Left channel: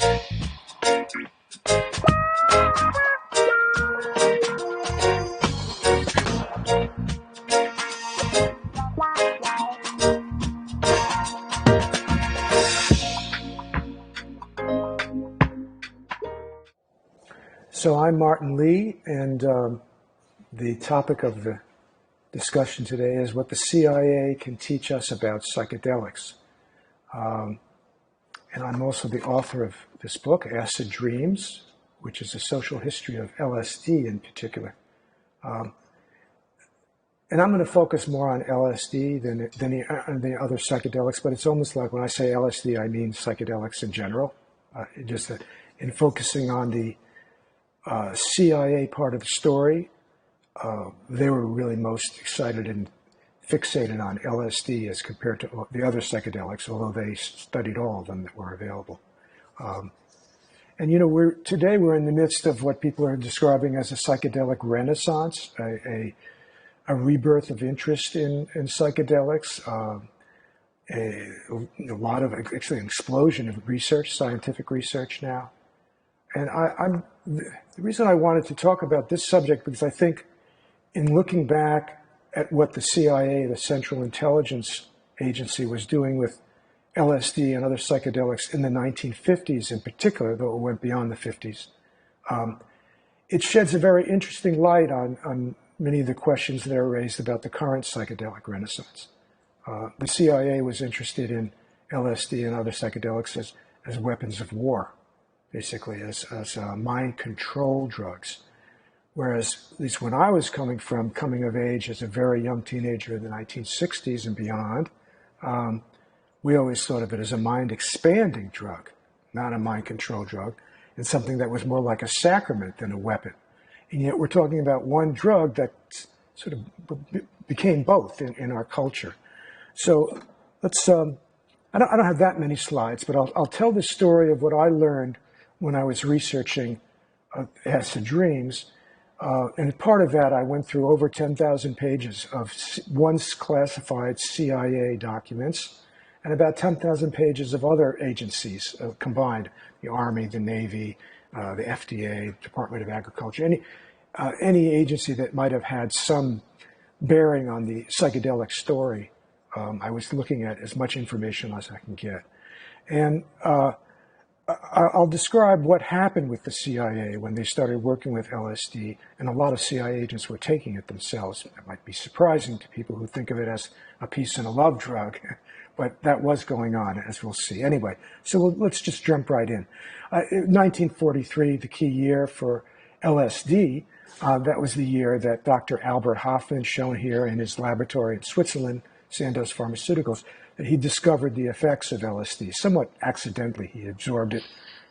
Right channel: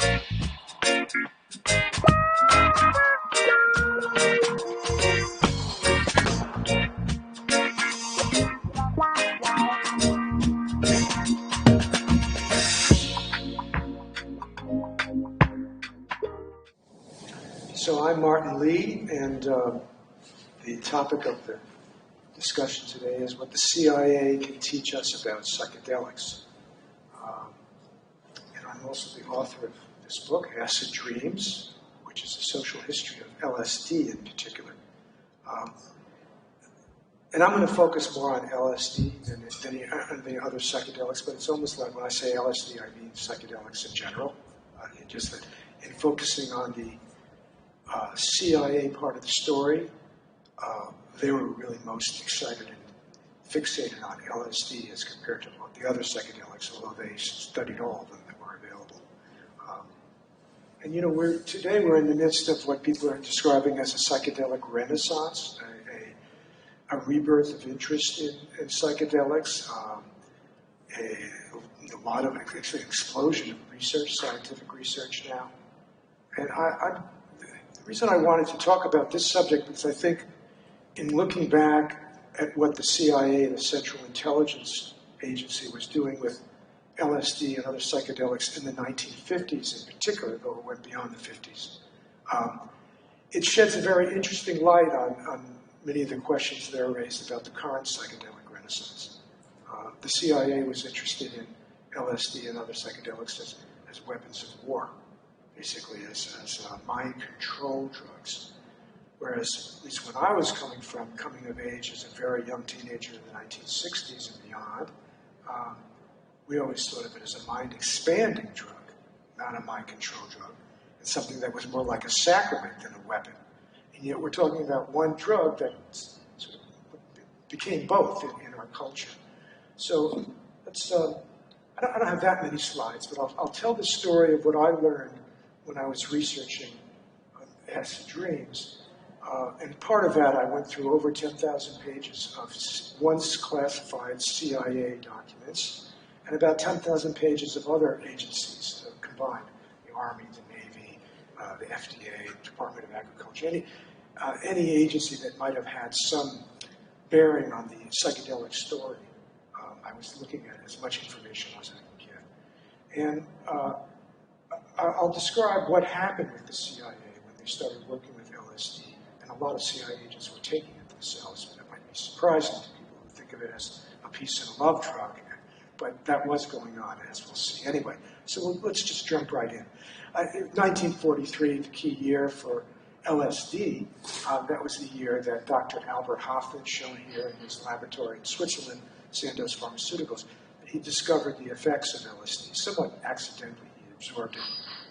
So I'm Martin Lee, and the topic of the discussion today is what the CIA can teach us about psychedelics. And I'm also the author of this book, Acid Dreams, which is a social history of LSD in particular. And I'm going to focus more on LSD than the other psychedelics, but it's almost like when I say LSD, I mean psychedelics in general. In focusing on the CIA part of the story, they were really most excited and fixated on LSD as compared to the other psychedelics, although they studied all of them that were available. And you know, today we're in the midst of what people are describing as a psychedelic renaissance, a rebirth of interest in psychedelics, a lot of, actually an explosion of research, scientific research now. And the reason I wanted to talk about this subject is I think in looking back at what the CIA, the Central Intelligence Agency, was doing with LSD and other psychedelics in the 1950s in particular, though it went beyond the 50s, it sheds a very interesting light on many of the questions that are raised about the current psychedelic renaissance. The CIA was interested in LSD and other psychedelics as weapons of war, basically as mind control drugs. Whereas, at least when I was coming of age as a very young teenager in the 1960s and beyond, we always thought of it as a mind expanding drug, not a mind control drug, and something that was more like a sacrament than a weapon. And yet we're talking about one drug that sort of became both in our culture. So let's, I don't have that many slides, but I'll tell the story of what I learned when I was researching Acid Dreams. And part of that, I went through over 10,000 pages of once classified CIA documents and about 10,000 pages of other agencies combined, the Army, the Navy, the FDA, Department of Agriculture, any agency that might have had some bearing on the psychedelic story. I was looking at as much information as I can get. And I'll describe what happened with the CIA when they started working with LSD, and a lot of CIA agents were taking it themselves. It might be surprising to people who think of it as a peace and a love drug, but that was going on, as we'll see. Anyway, so let's just jump right in. 1943, the key year for LSD, that was the year that Dr. Albert Hofmann, shown here in his laboratory in Switzerland, Sandoz Pharmaceuticals, that he discovered the effects of LSD. Somewhat accidentally, he absorbed it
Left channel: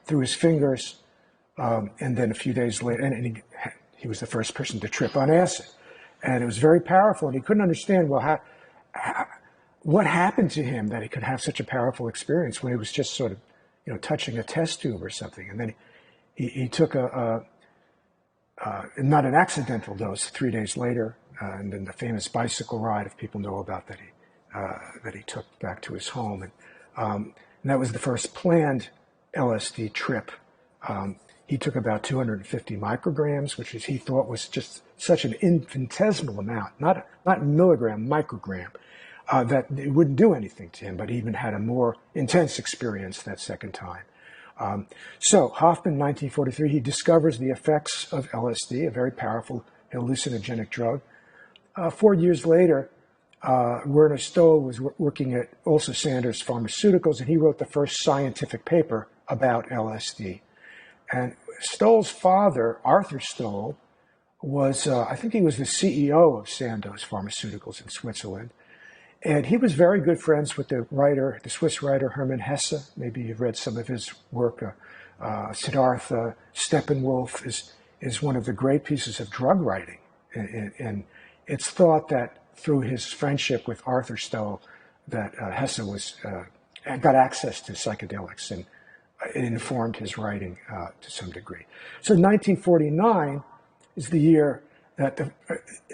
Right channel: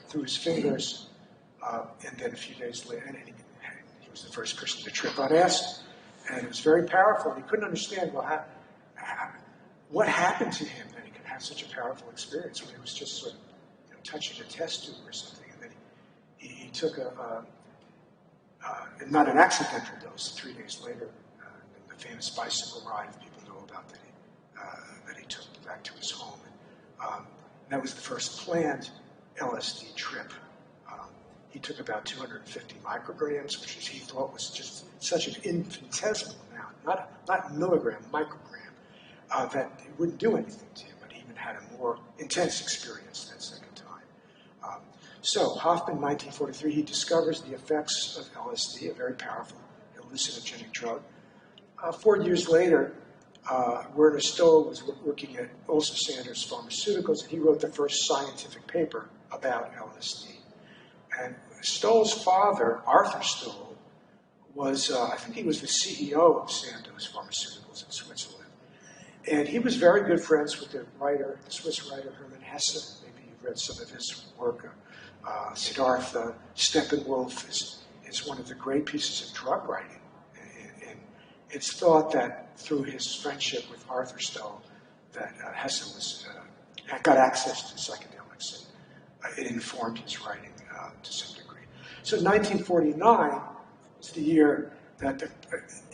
through his fingers, and then a few days later, and he was the first person to trip on acid. And it was very powerful, and he couldn't understand, well, what happened to him that he could have such a powerful experience when he was just sort of, touching a test tube or something. And then he took not an accidental dose 3 days later, and then the famous bicycle ride, if people know about that, that he took back to his home. And that was the first planned LSD trip. He took about 250 micrograms, which he thought was just such an infinitesimal amount, not milligram, microgram, that it wouldn't do anything to him, but he even had a more intense experience that second time. So Hoffman, 1943, he discovers the effects of LSD, a very powerful hallucinogenic drug. 4 years later, Werner Stoll was working at also Sandoz Pharmaceuticals, and he wrote the first scientific paper about LSD. And Stoll's father, Arthur Stoll, was, I think he was the CEO of Sandoz Pharmaceuticals in Switzerland. And he was very good friends with the Swiss writer Hermann Hesse. Maybe you've read some of his work. Siddhartha Steppenwolf is one of the great pieces of drug writing. And it's thought that through his friendship with Arthur Stoll, that Hesse got access to psychedelics, and it informed his writing to some degree. So 1949 is the year that the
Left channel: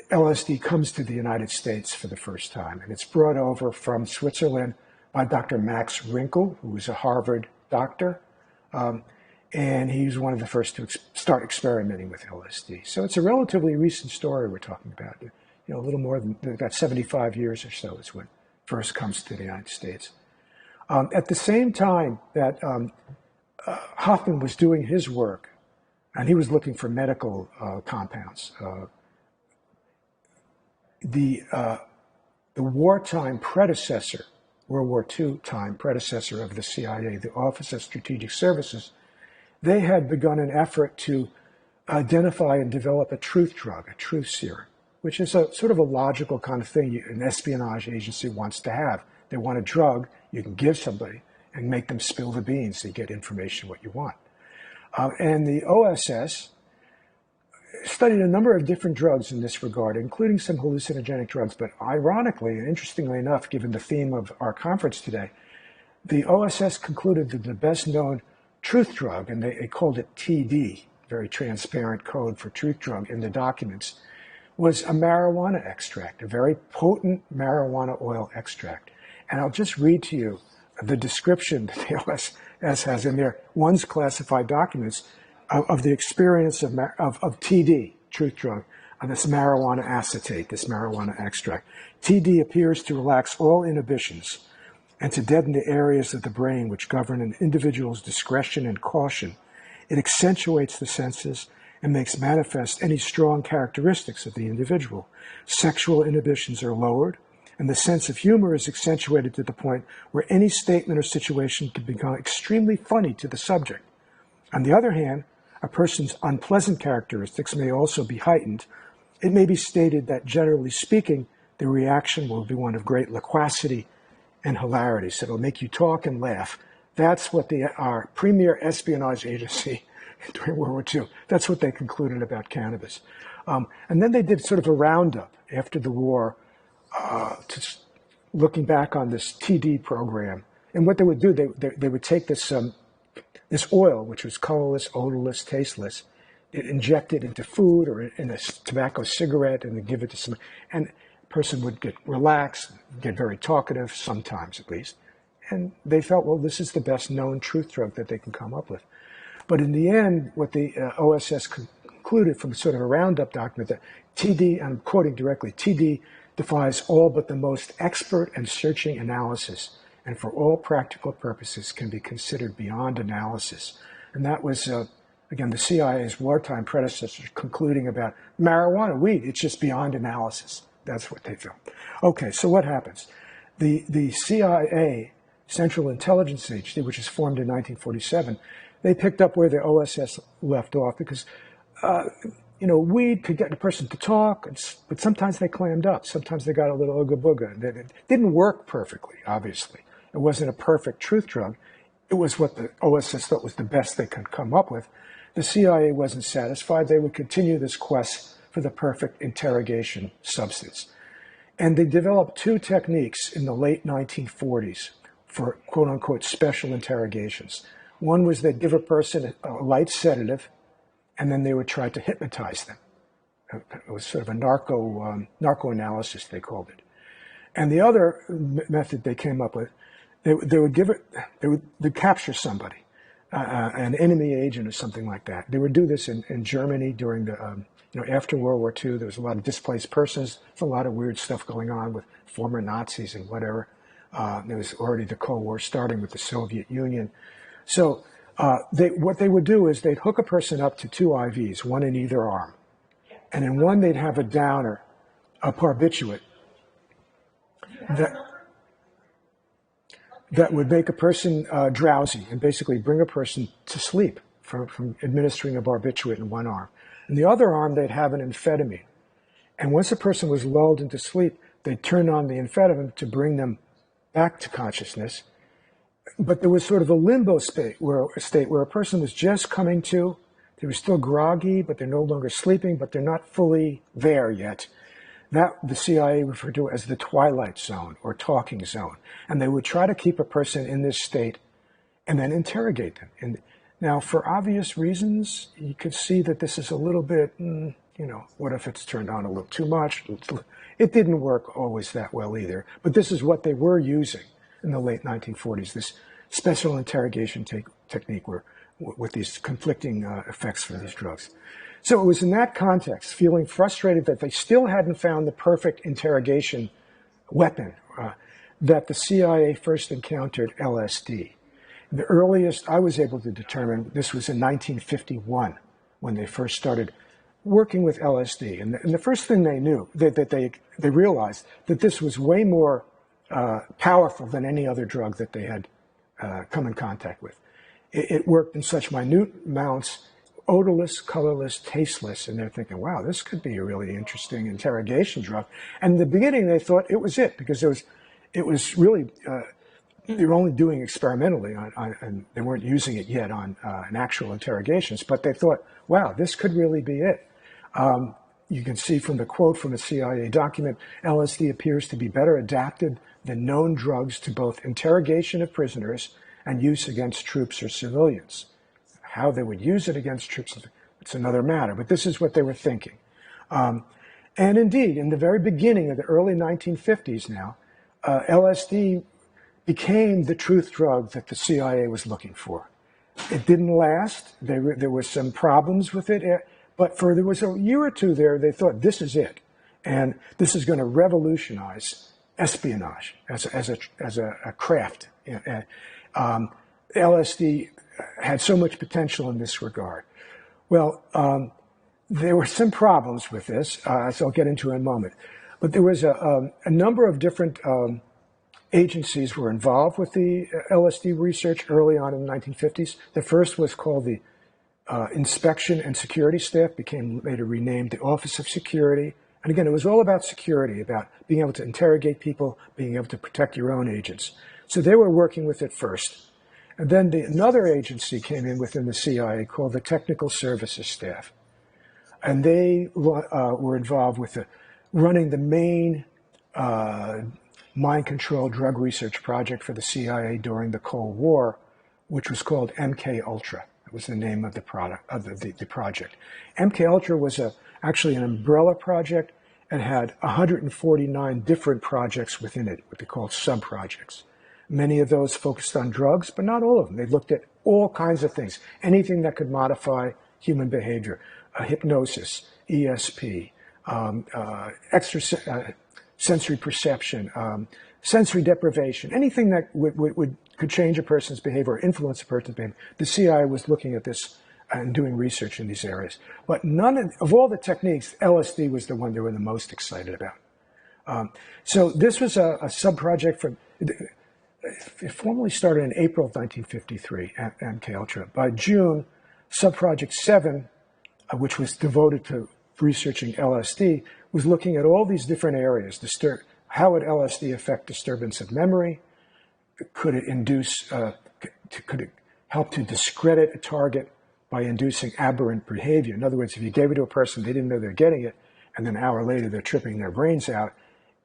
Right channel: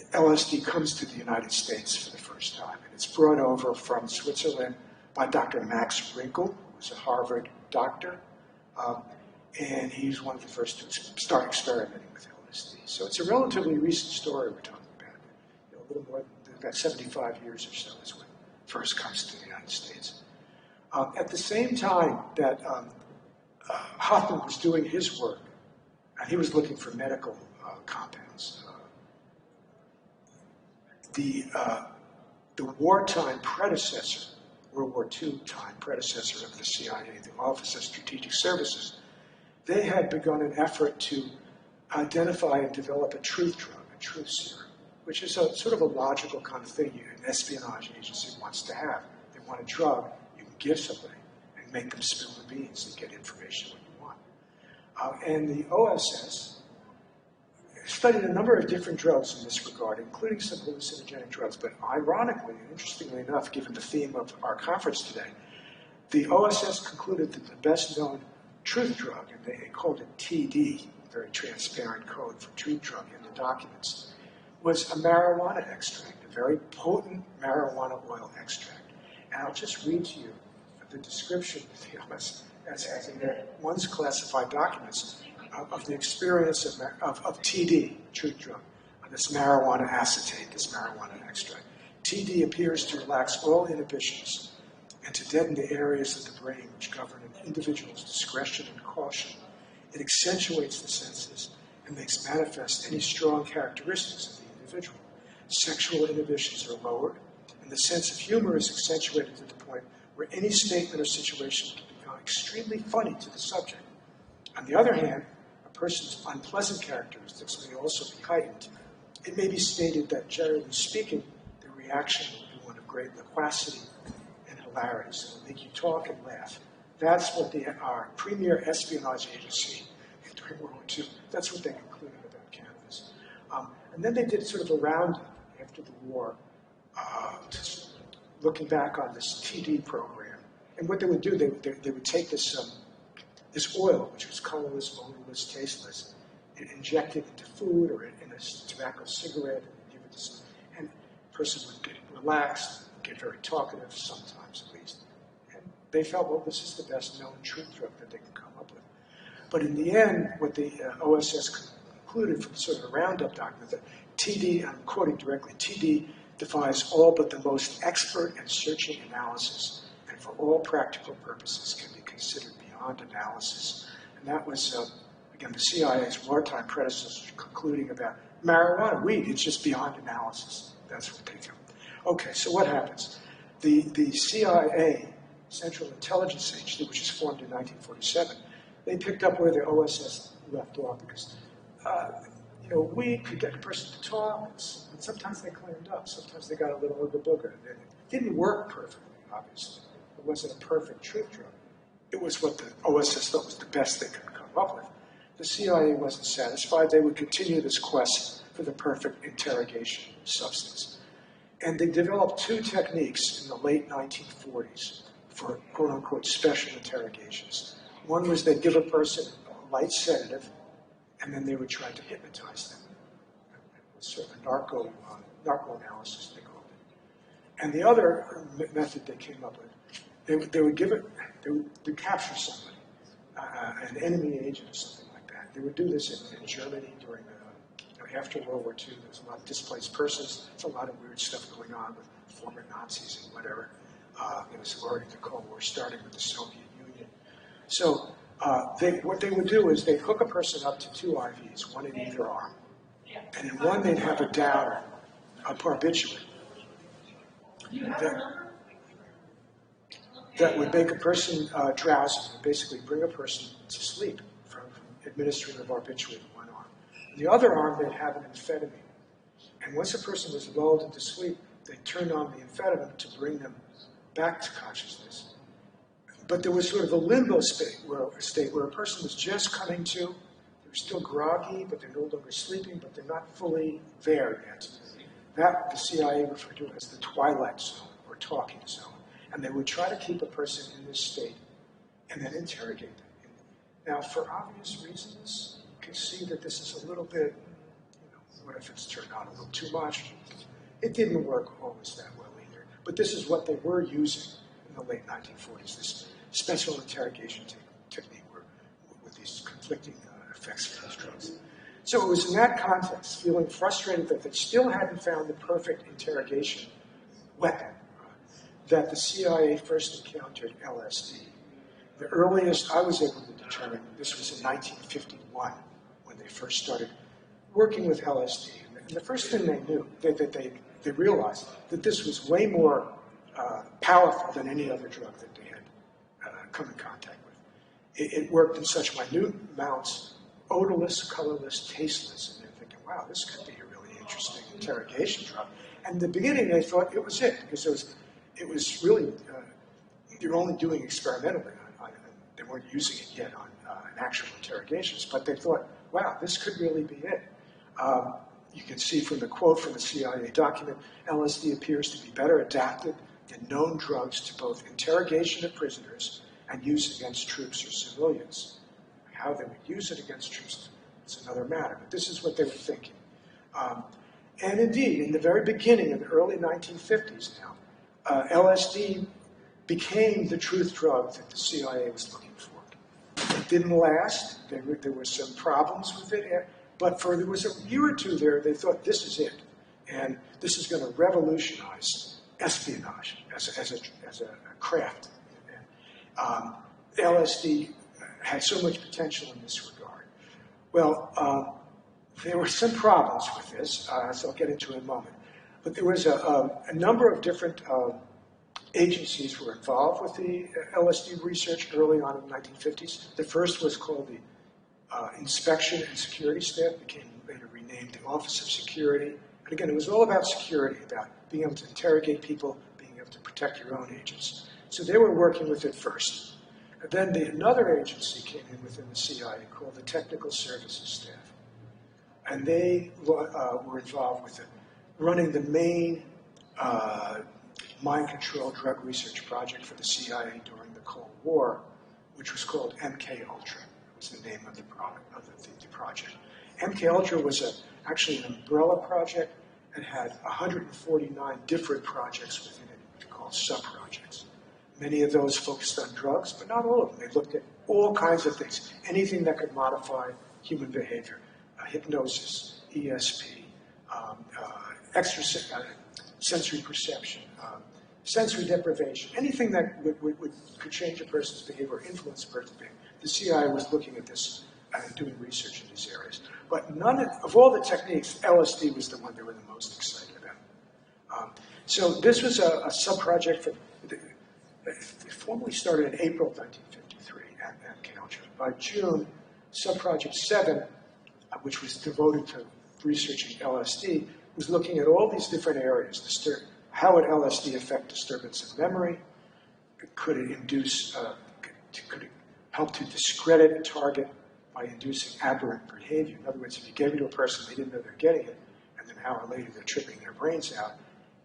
LSD comes to the United States for the first time, and it's brought over from Switzerland by Dr. Max Rinkel, who was a Harvard doctor, And he was one of the first to start experimenting with LSD. So it's a relatively recent story we're talking about. A little more than about 75 years or so is when it first comes to the United States. At the same time that Hoffman was doing his work, and he was looking for medical compounds, the wartime predecessor, World War II time predecessor of the CIA, the Office of Strategic Services, they had begun an effort to identify and develop a truth drug, a truth serum, which is a sort of a logical kind of thing an espionage agency wants to have. They want a drug you can give somebody and make them spill the beans so you get information what you want. And the OSS studied a number of different drugs in this regard, including some hallucinogenic drugs. But ironically and interestingly enough, given the theme of our conference today, the OSS concluded that the best known truth drug, and they called it TD, very transparent code for truth drug in the documents, was a marijuana extract, a very potent marijuana oil extract. And I'll just read to you the description that the OSS has in their once classified documents of the experience of TD, truth drug, on this marijuana acetate, this marijuana extract. TD appears to relax all inhibitions and to deaden the areas of the brain which govern an individual's discretion and caution. It accentuates the senses and makes manifest any strong characteristics of the individual. Sexual inhibitions are lowered, and the sense of humor is accentuated to the point where any statement or situation can become extremely funny to the subject. On the other hand, a person's unpleasant characteristics may also be heightened. It may be stated that, generally speaking, the reaction will be one of great loquacity and hilarity. So it'll make you talk and laugh. That's what our premier espionage agency during World War II, that's what they concluded about cannabis. And then they did sort of a roundup after the war, looking back on this TD program. And what they would do, they would take this oil, which was colorless, odorless, tasteless, inject it into food or in a tobacco cigarette, and then give it to someone. And the person would get relaxed, get very talkative, sometimes at least. And they felt, well, this is the best known truth drug that they can come up with. But in the end, what the OSS concluded from sort of a roundup document that TD, I'm quoting directly, TD defies all but the most expert and searching analysis, and for all practical purposes can be considered beyond analysis. And that was, again, the CIA's wartime predecessor concluding about marijuana, weed, it's just beyond analysis. That's what they felt. Okay, so what happens? The CIA, Central Intelligence Agency, which was formed in 1947, they picked up where the OSS left off because, weed could get a person to talk, but sometimes they clammed up. Sometimes they got a little ooga booga. It didn't work perfectly, obviously. It wasn't a perfect truth drug. It was what the OSS thought was the best they could come up with. The CIA wasn't satisfied. They would continue this quest for the perfect interrogation substance. And they developed two techniques in the late 1940s for quote-unquote special interrogations. One was they'd give a person a light sedative, and then they would try to hypnotize them. It was sort of a narco-analysis, they called it. And the other method they came up with, they'd capture somebody, an enemy agent or something like that. They would do this in Germany during the, after World War II. There was a lot of displaced persons. There's a lot of weird stuff going on with former Nazis and whatever. There was already the Cold War starting with the Soviet Union. So what they would do is they'd hook a person up to two IVs, one in either arm. And in one, they'd have a downer, a barbiturate, that would make a person drowsy and basically bring a person to sleep from administering a barbiturate in one arm. In the other arm, they'd have an amphetamine. And once a person was lulled into sleep, they'd turn on the amphetamine to bring them back to consciousness. But there was sort of a limbo state where a person was just coming to. They were still groggy, but they're no longer sleeping, but they're not fully there yet. That the CIA referred to as the twilight zone or talking zone. And they would try to keep a person in this state and then interrogate them. And now, for obvious reasons, you could see that this is a little bit, what if it's turned on a little too much? It didn't work always that well either. But this is what they were using in the late 1940s, this special interrogation technique where with these conflicting effects from these drugs. So it was in that context, feeling frustrated that they still hadn't found the perfect interrogation weapon, that the CIA first encountered LSD. The earliest I was able to determine, this was in 1951, when they first started working with LSD. And the first thing they knew, they realized that this was way more powerful than any other drug that they had come in contact with. It worked in such minute amounts, odorless, colorless, tasteless, and they're thinking, wow, this could be a really interesting interrogation drug. And in the beginning, they thought it was it, because it was really, they were only doing experimentally, and they weren't using it yet on in actual interrogations, but they thought, wow, this could really be it. You can see from the quote from the CIA document, LSD appears to be better adapted than known drugs to both interrogation of prisoners and use against troops or civilians. How they would use it against troops, it's another matter, but this is what they were thinking. And indeed, in the very beginning of the early 1950s now, LSD became the truth drug that the CIA was looking for. It didn't last. There were some problems with it, but there was a year or two there, they thought, this is it. And this is going to revolutionize espionage as a craft. LSD had so much potential in this regard. Well, there were some problems with this, as I'll get into in a moment. But there was a number of different agencies were involved with the LSD research early on in the 1950s. The first was called the Inspection and Security Staff, became later renamed the Office of Security. And again, it was all about security, about being able to interrogate people, being able to protect your own agents. So they were working with it first. And then another agency came in within the CIA called the Technical Services Staff. And they were involved with running the main mind control drug research project for the CIA during the Cold War, which was called MK Ultra. That was the name of the project. MK Ultra was actually an umbrella project and had 149 different projects within it, what they call sub-projects. Many of those focused on drugs, but not all of them. They looked at all kinds of things, anything that could modify human behavior, hypnosis, ESP, sensory perception, sensory deprivation, anything that could change a person's behavior or influence a person's behavior. The CIA was looking at this and doing research in these areas. But none of all the techniques, LSD was the one they were the most excited about. So this was a sub-project for... It formally started in April of 1953 at MK Ultra. By June, Subproject 7, which was devoted to researching LSD, was looking at all these different areas. How would LSD affect disturbance of memory? Could it induce, could it help to discredit a target by inducing aberrant behavior? In other words, if you gave it to a person, they didn't know they're getting it, and then an hour later they're tripping their brains out.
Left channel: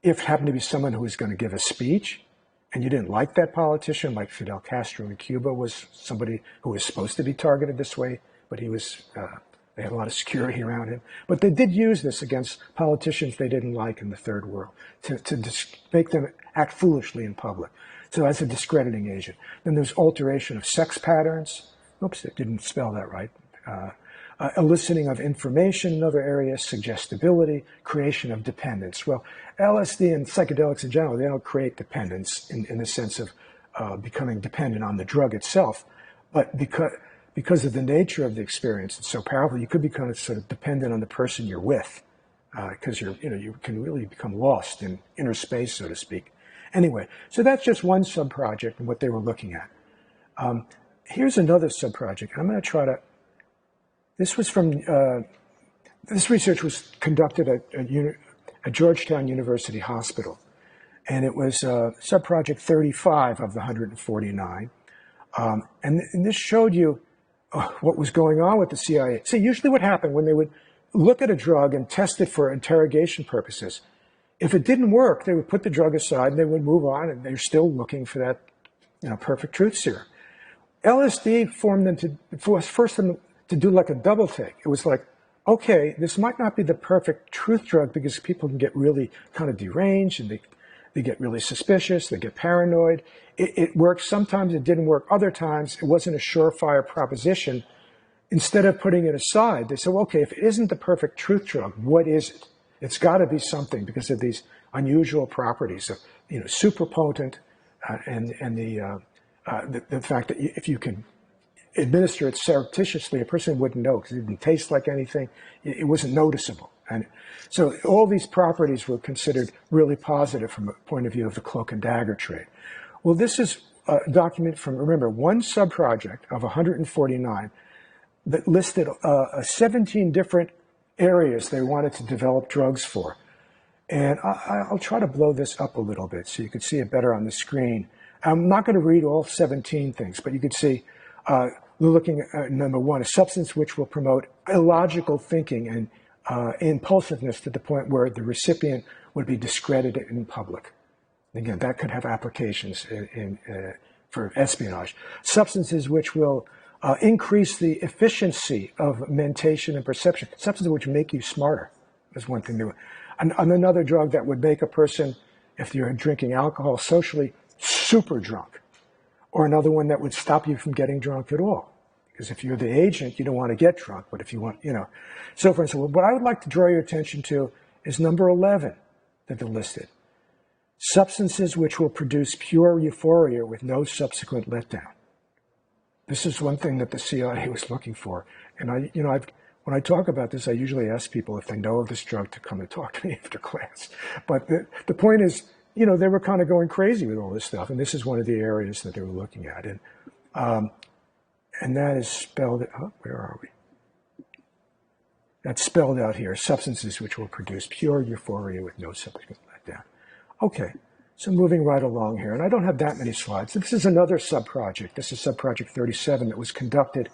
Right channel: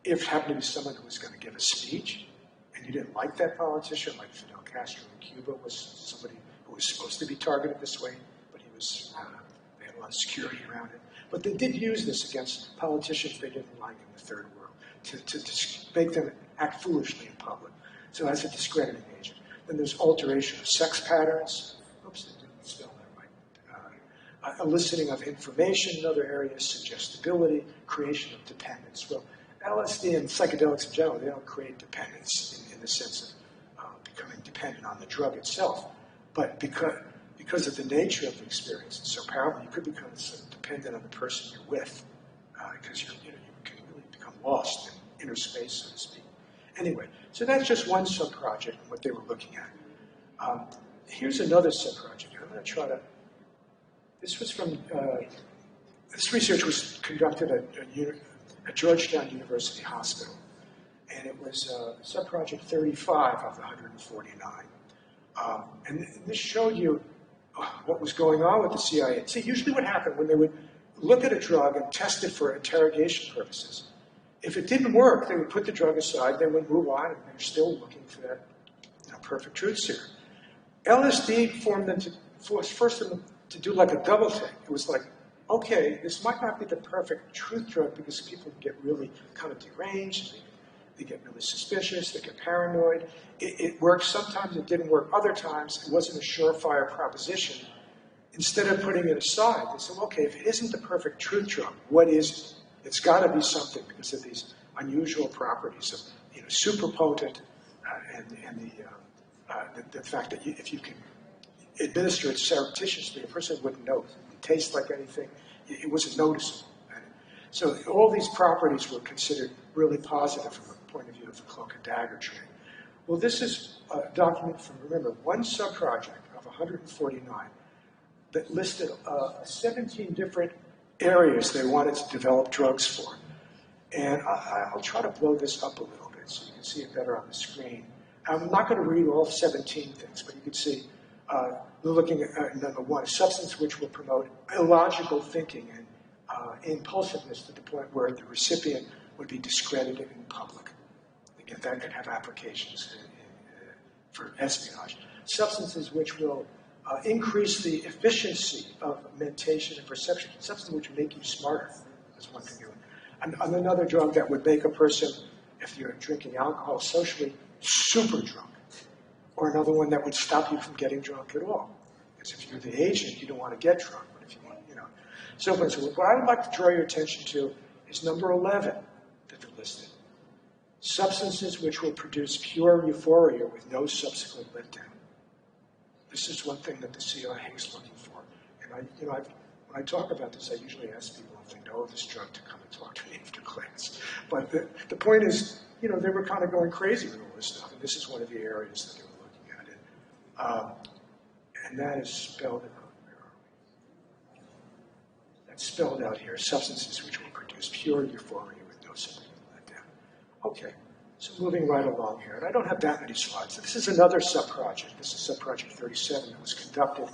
If it happened to be someone who was going to give a speech, and you didn't like that politician, like Fidel Castro in Cuba was somebody who was supposed to be targeted this way, but he was, they had a lot of security around him. But they did use this against politicians they didn't like in the third world to make them act foolishly in public. So that's a discrediting agent. Then there's alteration of sex patterns. Oops, it didn't spell that right. Eliciting of information in other areas, suggestibility, creation of dependence. Well, LSD and psychedelics in general, they don't create dependence in the sense of becoming dependent on the drug itself, but because of the nature of the experience, it's so powerful, you could become sort of dependent on the person you're with, because you can really become lost in inner space, so to speak. Anyway, so that's just one sub-project and what they were looking at. Here's another sub-project. I'm going to try to, this was from, this research was conducted at Georgetown University Hospital, and it was sub-project 35 of the 149. And this showed you what was going on with the CIA. See, usually what happened when they would look at a drug and test it for interrogation purposes, if it didn't work, they would put the drug aside and they would move on, and they're still looking for that perfect truth serum. LSD forced them to do like a double take. It was like, okay, this might not be the perfect truth drug because people can get really kind of deranged and They get really suspicious, they get paranoid. It works, sometimes it didn't work, other times it wasn't a surefire proposition. Instead of putting it aside, they said, well, okay, if it isn't the perfect truth drug, what is it? It's got to be something because of these unusual properties of, super potent, and the fact that if you can administer it surreptitiously, a person wouldn't know because it didn't taste like anything. It wasn't noticeable. And so all these properties were considered really positive from a point of view of the cloak and dagger trade. Well, this is a document from, remember, one sub-project of 149 that listed 17 different areas they wanted to develop drugs for. And I'll try to blow this up a little bit so you can see it better on the screen. I'm not going to read all 17 things, but you can see we're looking at number one, a substance which will promote illogical thinking and impulsiveness to the point where the recipient would be discredited in public. Again, that could have applications for espionage. Substances which will increase the efficiency of mentation and perception. Substances which make you smarter is one thing. And another drug that would make a person, if you're drinking alcohol socially, super drunk. Or another one that would stop you from getting drunk at all. Because if you're the agent, you don't want to get drunk. But if you want, So for instance, what I'd like to draw your attention to is number 11 that they listed. Substances which will produce pure euphoria with no subsequent letdown. This is one thing that the CIA was looking for. And when I talk about this, I usually ask people if they know of this drug to come and talk to me after class. But the point is, they were kind of going crazy with all this stuff. And this is one of the areas that they were looking at. And that is spelled, where are we? That's spelled out here, substances which will produce pure euphoria with no subsequent letdown. Okay, so moving right along here. And I don't have that many slides. This is another sub-project. This is sub-project 37 that was conducted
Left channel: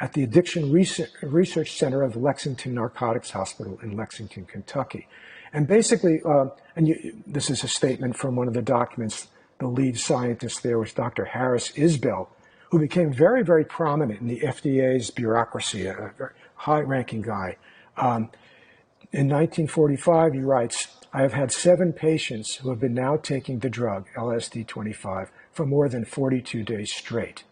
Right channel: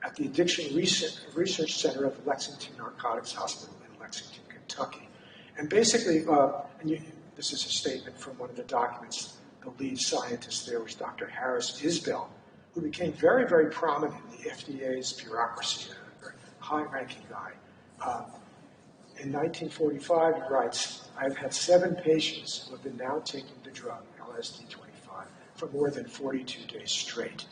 at the Addiction Research Center of Lexington Narcotics Hospital in Lexington, Kentucky. And basically, this is a statement from one of the documents. The lead scientist there was Dr. Harris Isbell, who became very, very prominent in the FDA's bureaucracy, a high-ranking guy. In 1945, he writes, I have had 7 patients who have been now taking the drug, LSD-25, for more than 42 days straight.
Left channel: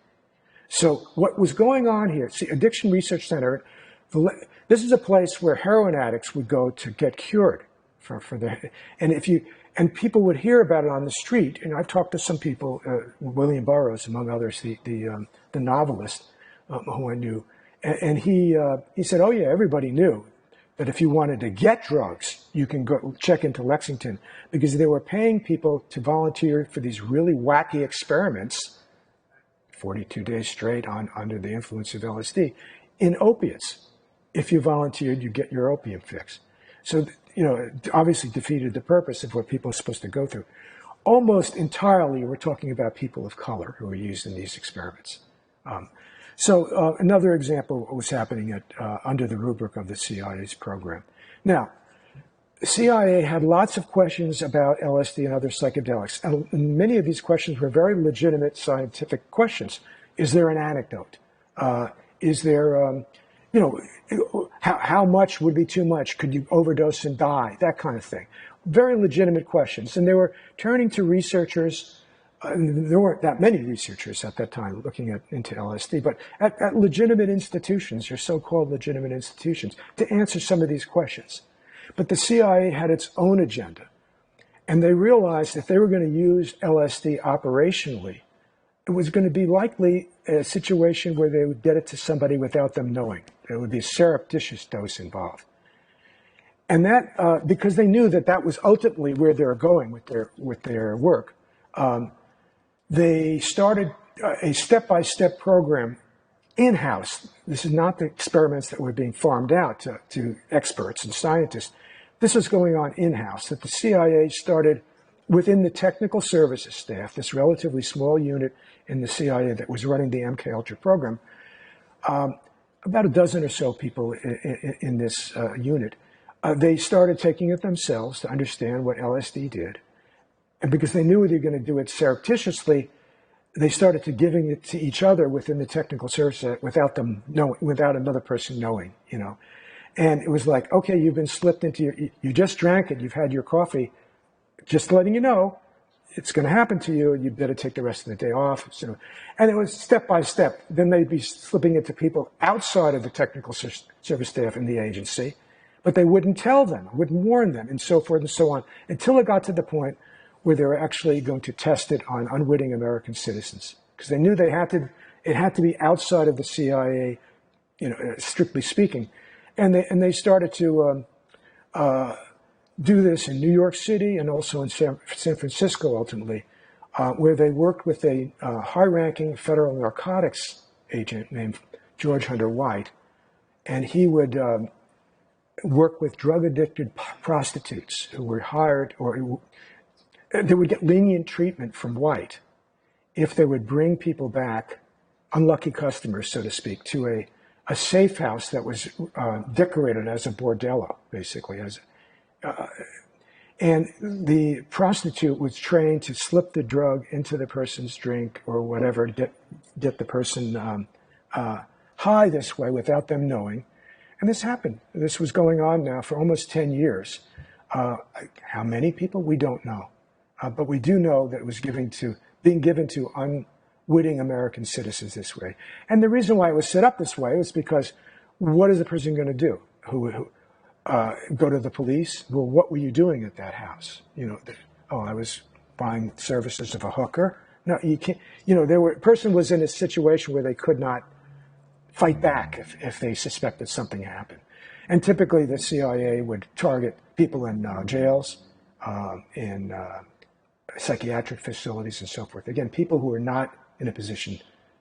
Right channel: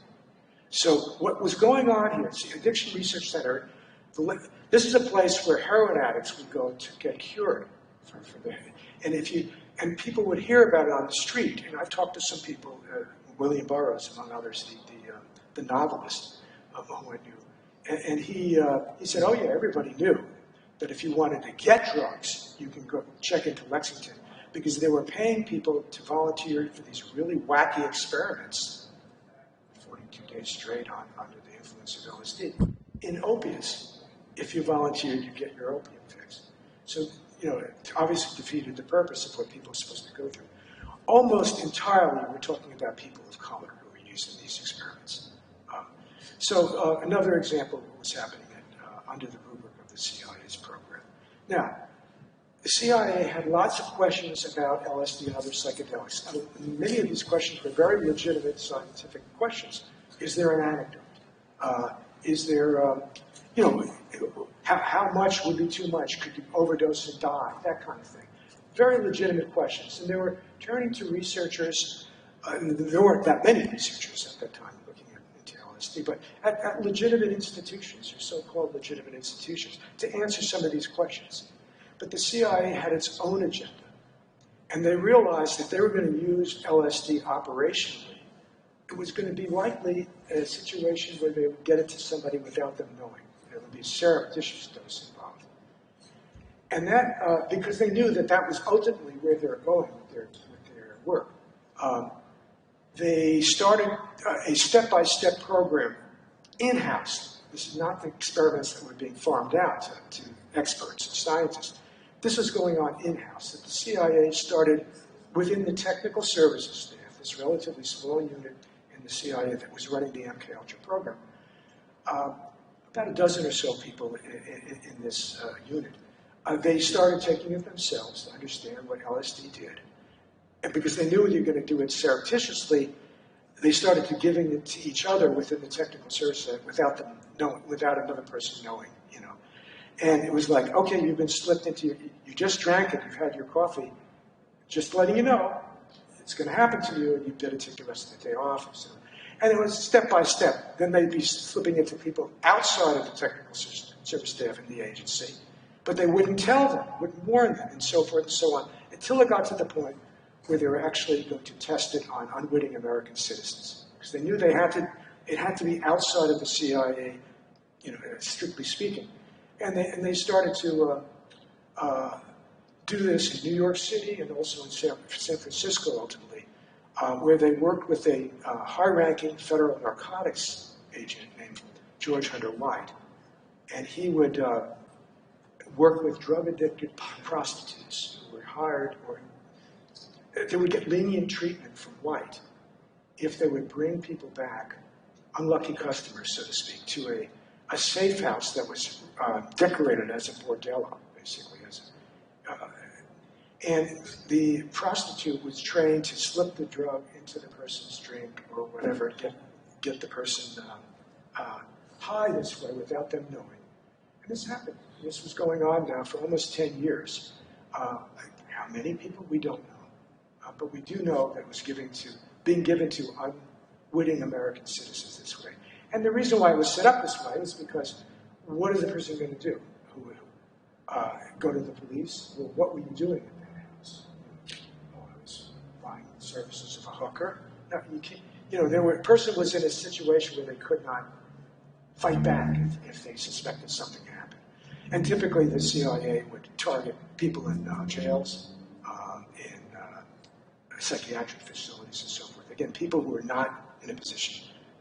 So what was going on here, see, Addiction Research Center, this is a place where heroin addicts would go to get cured for their, and people would hear about it on the street. And I've talked to some people, William Burroughs, among others, the novelist who I knew, and he said, oh yeah, everybody knew that if you wanted to get drugs, you can go check into Lexington, because they were paying people to volunteer for these really wacky experiments, 42 days straight under the influence of LSD, in opiates. If you volunteered, you get your opium fix. So, it obviously defeated the purpose of what people are supposed to go through. Almost entirely, we're talking about people of color who were used in these experiments. Another example of what was happening under the rubric of the CIA's program. Now, the CIA had lots of questions about LSD and other psychedelics, and many of these questions were very legitimate scientific questions. Is there an antidote? Is there, how much would be too much? Could you overdose and die? That kind of thing. Very legitimate questions. And they were turning to researchers. There weren't that many researchers at that time looking into LSD, but at legitimate institutions, or so-called legitimate institutions, to answer some of these questions. But the CIA had its own agenda. And they realized if they were going to use LSD operationally, it was going to be likely a situation where they would get it to somebody without them knowing. There would be a surreptitious dose involved. And that, because they knew that was ultimately where they were going with their work, they started a step-by-step program in-house. This is not the experiments that were being farmed out to experts and scientists. This was going on in-house, that the CIA started within the technical services staff, this relatively small unit in the CIA that was running the MKUltra program, about a dozen or so people in this unit. They started taking it themselves to understand what LSD did. And because they knew they were going to do it surreptitiously, they started to giving it to each other within the technical service without them knowing, without another person knowing, And it was like, okay, you've been slipped into, you just drank it, you've had your coffee, just letting you know, it's going to happen to you. You better take the rest of the day off. So, and it was step by step. Then they'd be slipping it to people outside of the technical service staff in the agency, but they wouldn't tell them, wouldn't warn them, and so forth and so on, until it got to the point where they were actually going to test it on unwitting American citizens, because they knew it had to be outside of the CIA, strictly speaking, and they started to do this in New York City and also in San Francisco ultimately, where they worked with a high-ranking federal narcotics agent named George Hunter White, and he would work with drug-addicted prostitutes who were hired, or they would get lenient treatment from White if they would bring people back, unlucky customers, so to speak, to a safe house that was decorated as a bordello, basically. And the prostitute was trained to slip the drug into the person's drink or whatever, get the person high this way without them knowing. And this happened. This was going on now for almost 10 years. How many people? We don't know. But we do know that it was being given to unwitting American citizens this way. And the reason why it was set up this way was because what is the person going to do? Go to the police? Well, what were you doing at that house? I was buying services of a hooker. No, you can't. A person was in a situation where they could not fight back if they suspected something happened. And typically the CIA would target people in jails, in psychiatric facilities and so forth. Again, people who are not in a position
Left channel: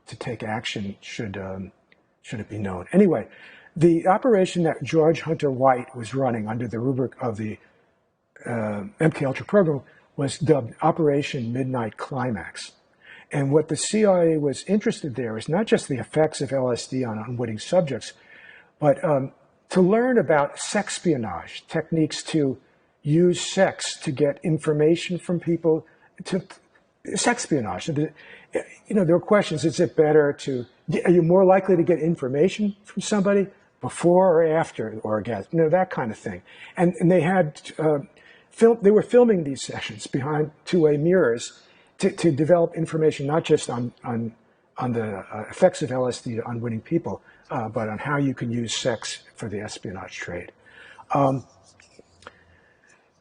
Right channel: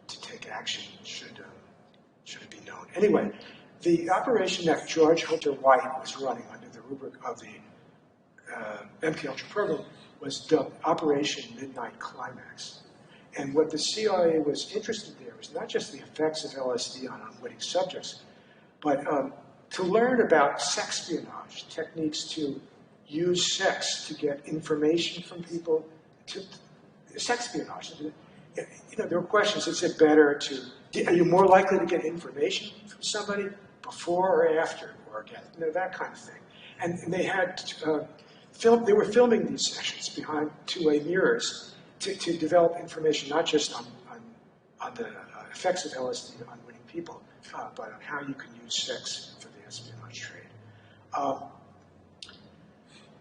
to take action should it be known. Anyway, the operation that George Hunter White was running under the rubric of the MKUltra program was dubbed Operation Midnight Climax. And what the CIA was interested there is not just the effects of LSD on unwitting subjects, but to learn about sexpionage, techniques to use sex to get information from people, to sexpionage. There were questions, is it better are you more likely to get information from somebody before or after the orgasm, that kind of thing. And they had, they were filming these sessions behind two-way mirrors to develop information not just on the effects of LSD on unwitting people, but on how you can use sex for the espionage trade.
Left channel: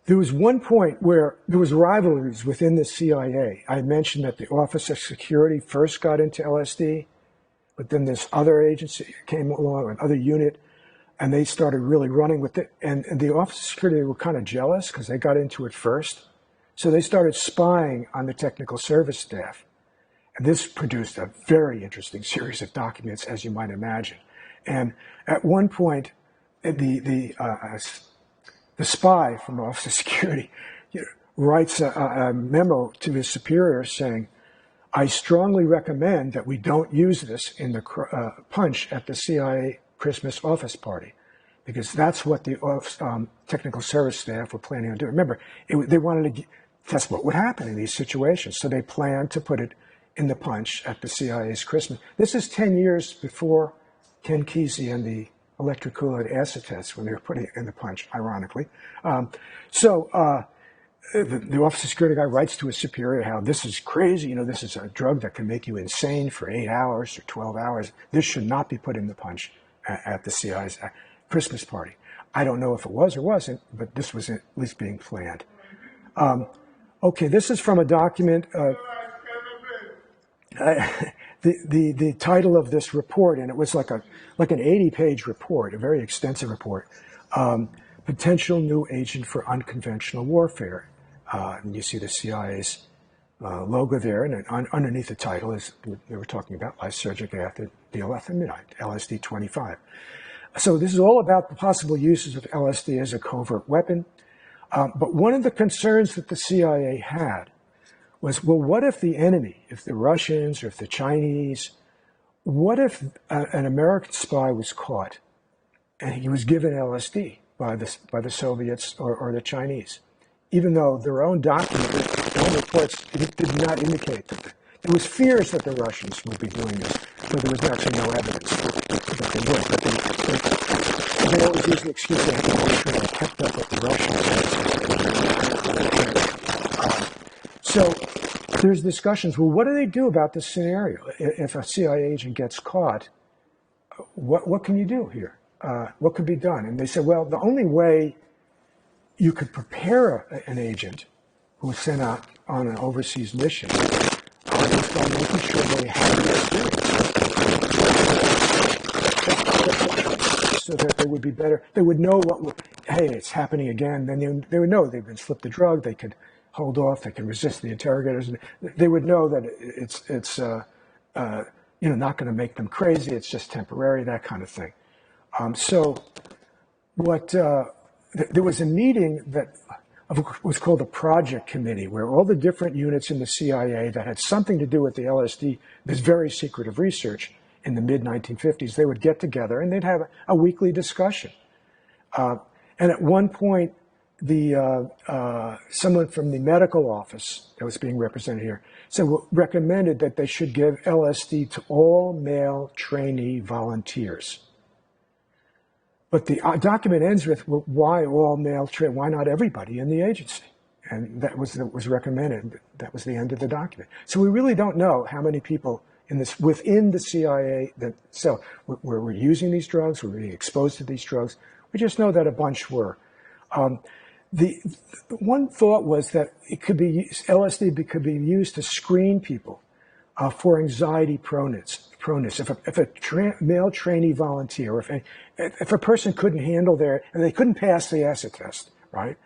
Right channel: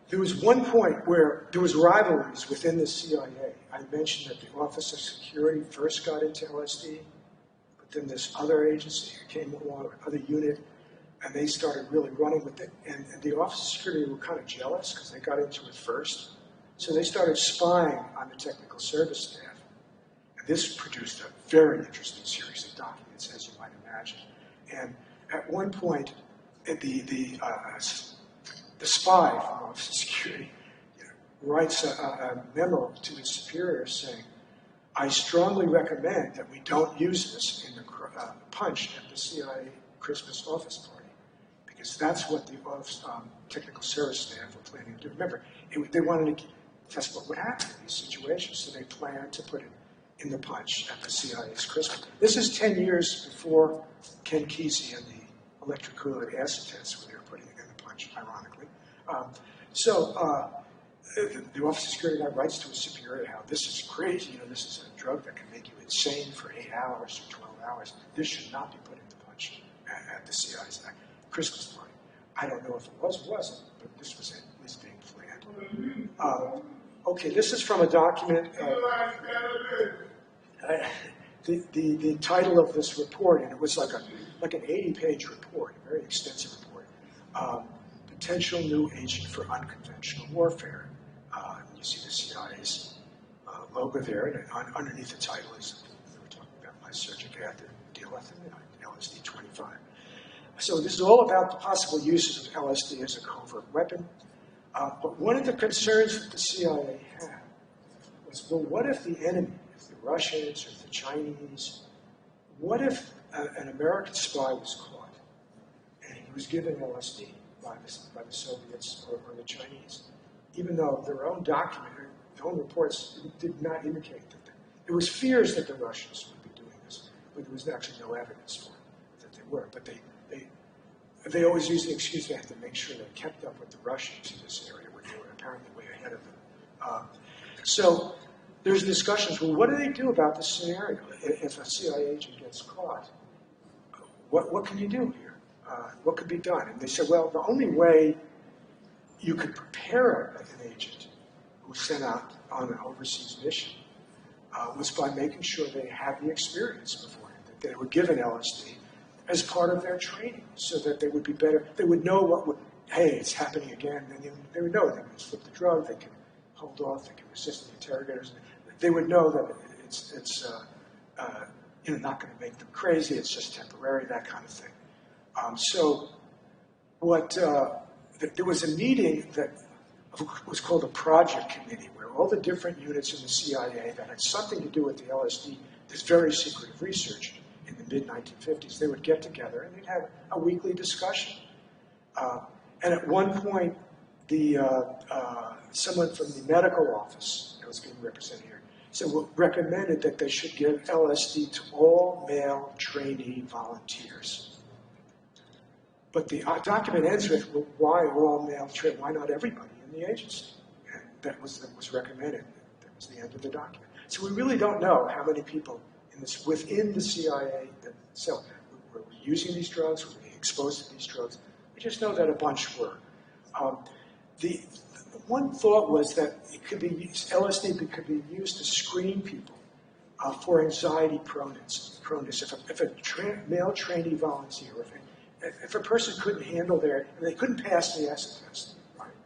There was one point where there was rivalries within the CIA. I mentioned that the Office of Security first got into LSD, but then this other agency came along, an other unit, and they started really running with it. And the Office of Security were kind of jealous because they got into it first. So they started spying on the technical service staff. And this produced a very interesting series of documents, as you might imagine. And at one point, the spy from the Office of Security writes a memo to his superior saying, I strongly recommend that we don't use this in the punch at the CIA Christmas office party, because that's what the technical service staff were planning on doing. Remember, they wanted to test what would happen in these situations, so they planned to put it in the punch at the CIA's Christmas. This is 10 years before Ken Kesey and the electrocooled acid tests, when they were putting it in the punch, ironically. The Office of Security guy writes to his superior how this is crazy, this is a drug that can make you insane for 8 hours or 12 hours. This should not be put in the punch at the CIA's Christmas party. I don't know if it was or wasn't, but this was at least being planned. Okay, this is from a document. The title of this report, and it was like an 80-page report, a very extensive report, Potential New Agent for Unconventional Warfare. And you see the CIA's logo there, and underneath the title is, they were talking about lysergic acid D-lethamidine, LSD-25. So this is all about the possible uses of LSD as a covert weapon. But one of the concerns that the CIA had was, well, what if the enemy, if the Russians or if the Chinese, what if an American spy was caught and he was given LSD by the Soviets or the Chinese, even though their own documents, their own reports did not indicate that there was fears that the Russians would be doing this, but there was actually no evidence that they would. But they always use the excuse they had to make sure they kept up with the Russians. So there's discussions, well, what do they do about this scenario? If a CIA agent gets caught, what can you do here? What could be done? And they said, well, the only way you could prepare an agent who was sent out on an overseas mission was by making sure they had the experience. So that they would be better. They would know hey, it's happening again. Then they would know they've been slipped the drug. They could hold off. They could resist the interrogators. They would know that it's not going to make them crazy. It's just temporary, that kind of thing. So there was a meeting that was called the Project Committee, where all the different units in the CIA that had something to do with the LSD, this very secretive research in the mid-1950s, they would get together and they'd have a weekly discussion. And at one point, someone from the medical office that was being represented here recommended that they should give LSD to all male trainee volunteers. But the document ends with, well, why all male trainee? Why not everybody in the agency? And that was recommended. That was the end of the document. So we really don't know how many people within the CIA were using these drugs, were being exposed to these drugs. We just know that a bunch were. The one thought was that LSD could be used to screen people for anxiety proneness. If a male trainee volunteer, if a person couldn't handle and they couldn't pass the acid test, right?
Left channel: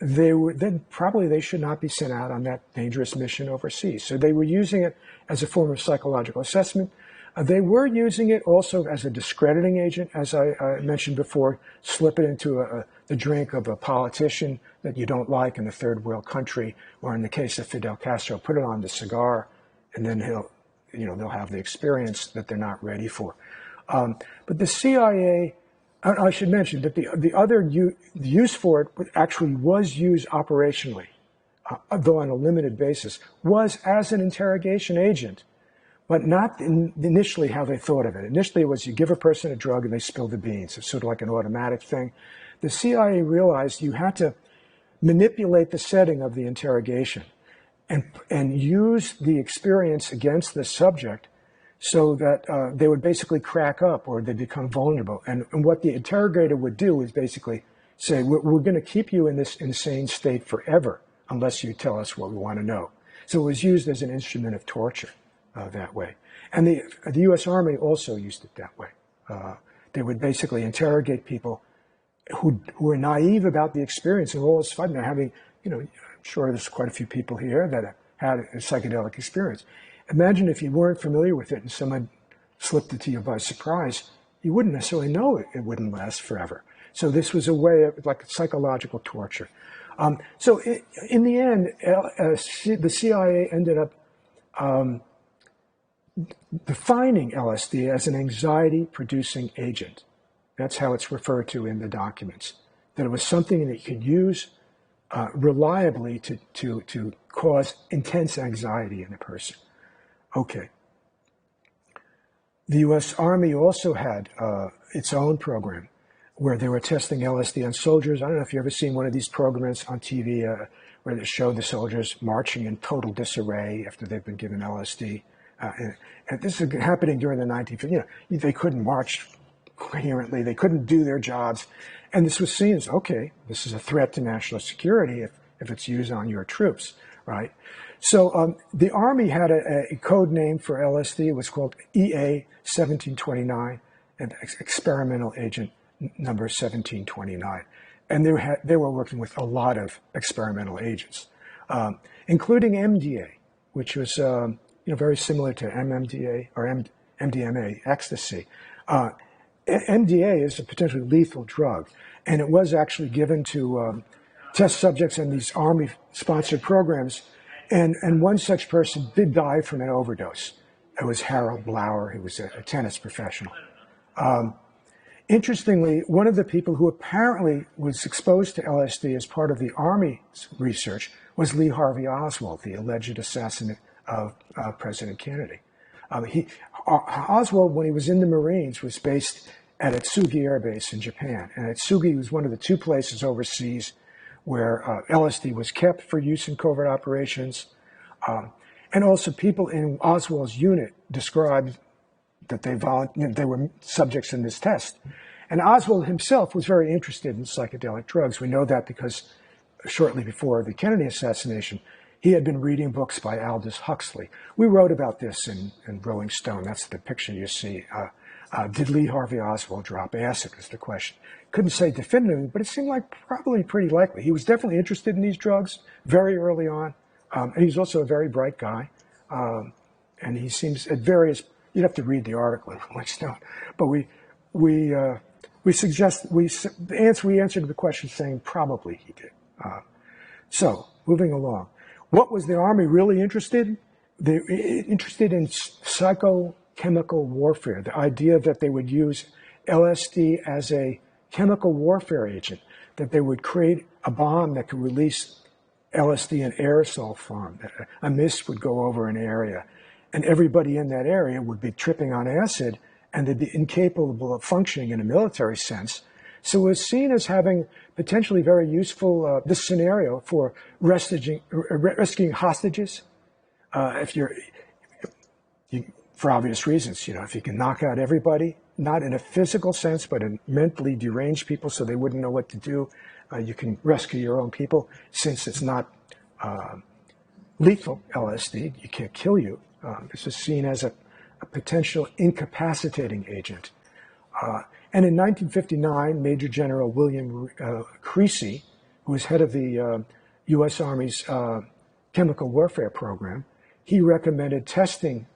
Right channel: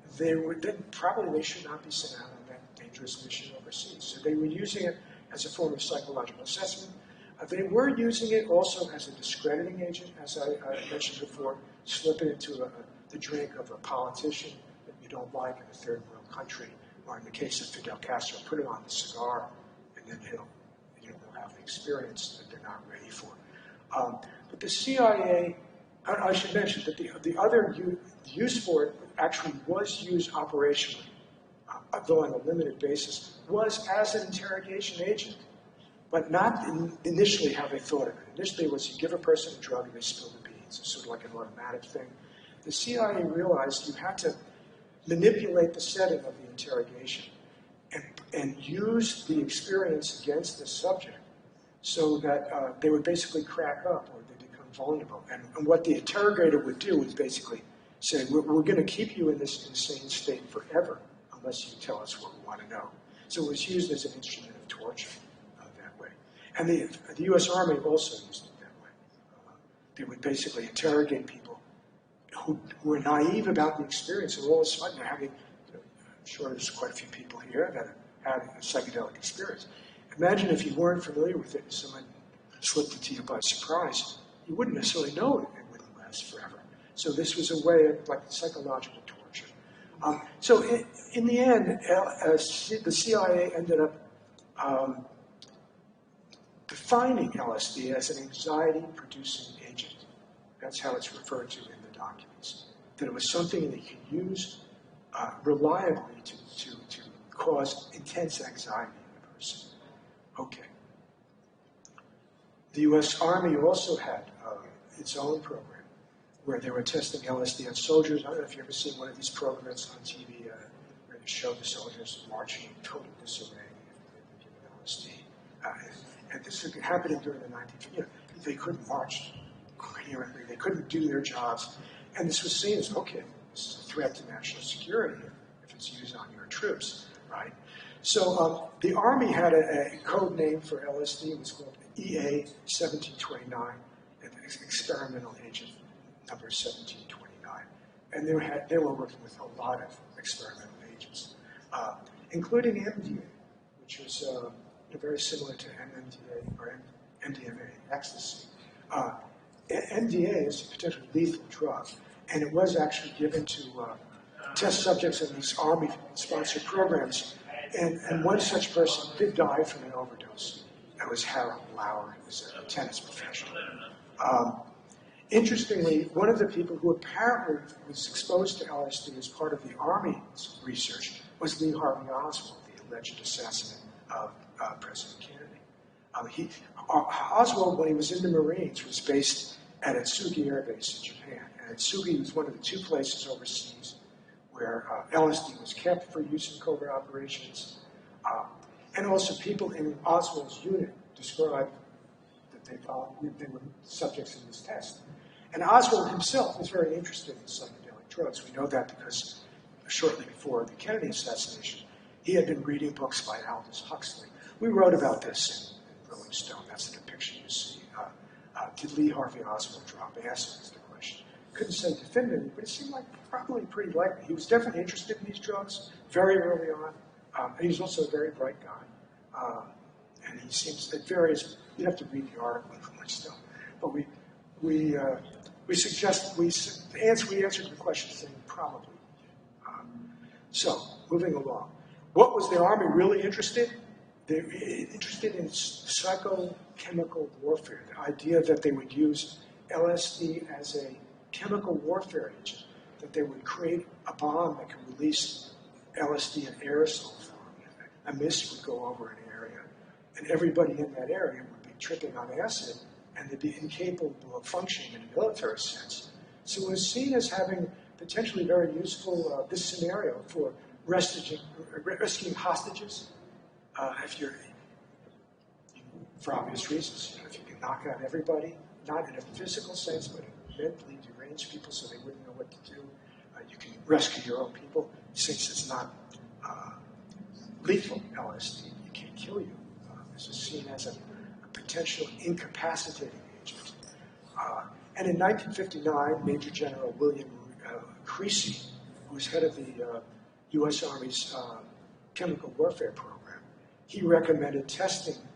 Then probably they should not be sent out on that dangerous mission overseas. So they were using it as a form of psychological assessment. They were using it also as a discrediting agent, as I mentioned before. Slip it into the drink of a politician that you don't like in a third world country, or in the case of Fidel Castro, put it on the cigar, and then they'll have the experience that they're not ready for. But the CIA, I should mention that the use for it actually was used operationally, though on a limited basis, was as an interrogation agent, but not initially how they thought of it. Initially, it was you give a person a drug and they spill the beans. It's sort of like an automatic thing. The CIA realized you had to manipulate the setting of the interrogation and use the experience against the subject so that they would basically crack up or they become vulnerable. And what the interrogator would do is basically say, we're going to keep you in this insane state forever unless you tell us what we want to know. So it was used as an instrument of torture that way. And the U.S. Army also used it that way. They would basically interrogate people who were naive about the experience, and all of a sudden they're having, I'm sure there's quite a few people here that had a psychedelic experience. Imagine if you weren't familiar with it and someone slipped it to you by surprise, you wouldn't necessarily know it wouldn't last forever. So this was a way of like psychological torture. So in the end, the CIA ended up defining LSD as an anxiety-producing agent. That's how it's referred to in the documents. That it was something that you could use reliably to cause intense anxiety in a person. Okay. The U.S. Army also had its own program where they were testing LSD on soldiers. I don't know if you've ever seen one of these programs on TV where they show the soldiers marching in total disarray after they've been given LSD. And this is happening during the 1950s. They couldn't march coherently. They couldn't do their jobs. And this was seen as, okay, this is a threat to national security if it's used on your troops, right? So the Army had a code name for LSD. It was called EA 1729, and experimental agent number 1729. And they were working with a lot of experimental agents, including MDA, which was very similar to MMDA or MDMA, ecstasy. MDA is a potentially lethal drug, and it was actually given to test subjects in these Army-sponsored programs. And one such person did die from an overdose. It was Harold Blauer. He was a tennis professional. Interestingly, one of the people who apparently was exposed to LSD as part of the Army's research was Lee Harvey Oswald, the alleged assassin of President Kennedy. Oswald, when he was in the Marines, was based at Atsugi Air Base in Japan. And Atsugi was one of the two places overseas where LSD was kept for use in covert operations, And also people in Oswald's unit described that they were subjects in this test. And Oswald himself was very interested in psychedelic drugs. We know that because shortly before the Kennedy assassination, he had been reading books by Aldous Huxley. We wrote about this in Rolling Stone. That's the picture you see. Did Lee Harvey Oswald drop acid is the question. Couldn't say definitively, but it seemed like probably pretty likely. He was definitely interested in these drugs very early on. And he's also a very bright guy. And he seems at various, you'd have to read the article in Rolling Stone. But we answered the question saying probably he did. So moving along. What was the Army really interested in? They were interested in psychochemical warfare, the idea that they would use LSD as a chemical warfare agent, that they would create a bomb that could release LSD in aerosol form. A mist would go over an area, and everybody in that area would be tripping on acid, and they'd be incapable of functioning in a military sense. So it was seen as having potentially very useful, this scenario, for rescuing hostages. For obvious reasons, if you can knock out everybody, not in a physical sense, but in mentally deranged people so they wouldn't know what to do, you can rescue your own people. Since it's not lethal LSD, you can't kill you. This is seen as a potential incapacitating agent. And in 1959, Major General William Creasy, who was head of the U.S. Army's chemical warfare program, he recommended testing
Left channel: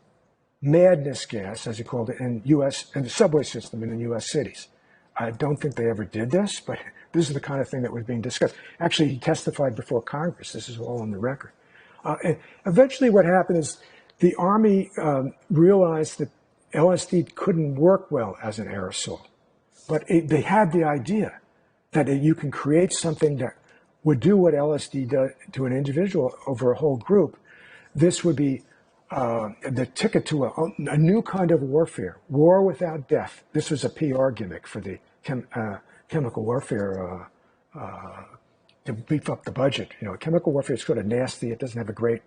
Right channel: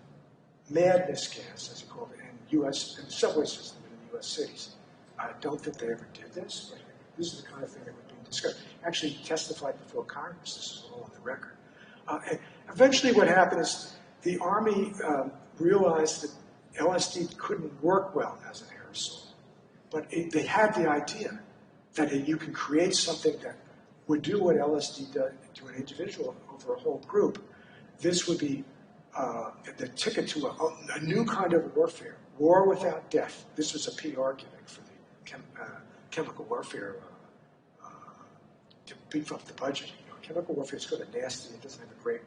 madness gas, as he called it, in the subway system in the U.S. cities. I don't think they ever did this, but this is the kind of thing that was being discussed. Actually, he testified before Congress. This is all on the record. And eventually what happened is the Army realized that LSD couldn't work well as an aerosol. But they had the idea that you can create something that would do what LSD does to an individual over a whole group. This would be the ticket to a new kind of warfare, war without death. This was a PR gimmick for the chemical warfare to beef up the budget. Chemical warfare is sort of nasty. It doesn't have a great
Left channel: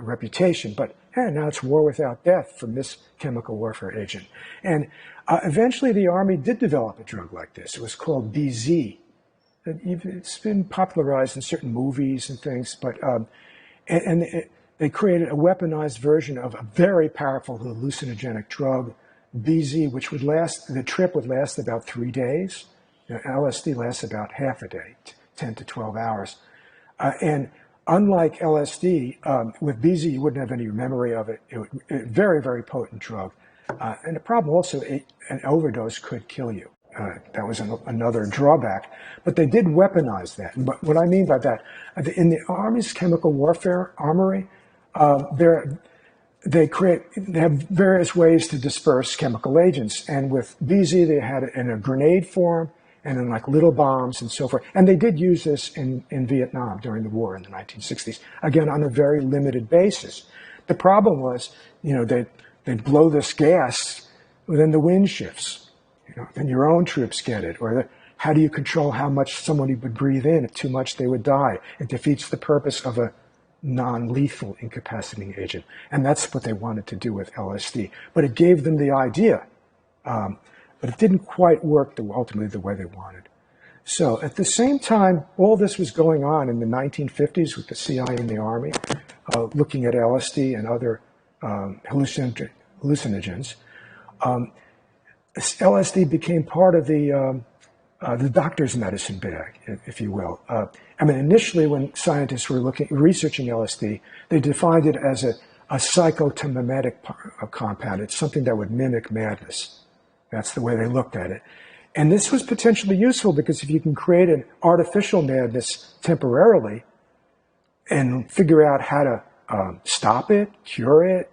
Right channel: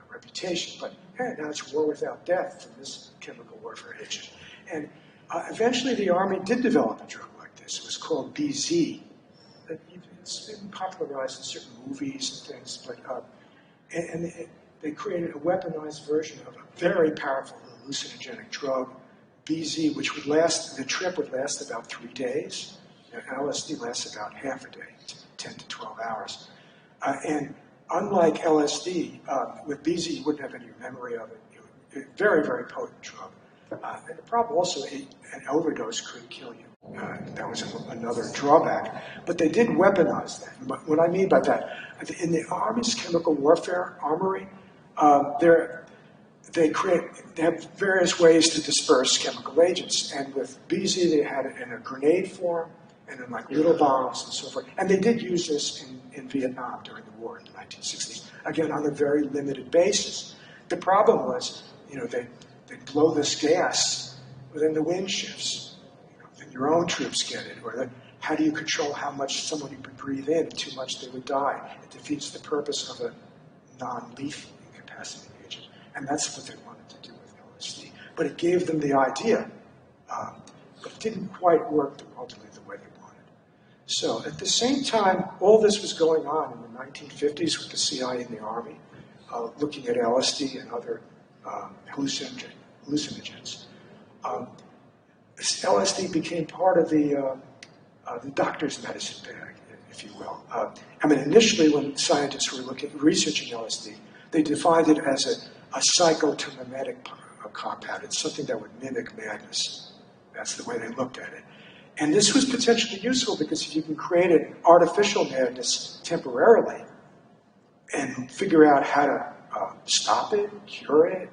reputation, but hey, now it's war without death from this chemical warfare agent. And eventually the Army did develop a drug like this. It was called BZ. It's been popularized in certain movies and things, but they created a weaponized version of a very powerful hallucinogenic drug, BZ, which would last, the trip would last about 3 days. LSD lasts about half a day, 10 to 12 hours. And unlike LSD, with BZ, you wouldn't have any memory of it. Very, very potent drug. And the problem also, an overdose could kill you. That was another drawback. But they did weaponize that. But what I mean by that, in the Army's chemical warfare armory, they have various ways to disperse chemical agents. And with BZ, they had it in a grenade form and in like little bombs and so forth. And they did use this in Vietnam during the war in the 1960s, again, on a very limited basis. The problem was, they'd blow this gas, then the wind shifts. Then your own troops get it. Or how do you control how much somebody would breathe in? If too much, they would die. It defeats the purpose of a non-lethal incapacitating agent. And that's what they wanted to do with LSD. But it gave them the idea. But it didn't quite work ultimately the way they wanted. So at the same time, all this was going on in the 1950s with the CIA and the Army, looking at LSD and other hallucinogens. LSD became part of the doctor's medicine bag, if you will. Initially when scientists were researching LSD, they defined it as a psychotomimetic compound. It's something that would mimic madness. That's the way they looked at it. And this was potentially useful because if you can create an artificial madness temporarily and figure out how to stop it, cure it,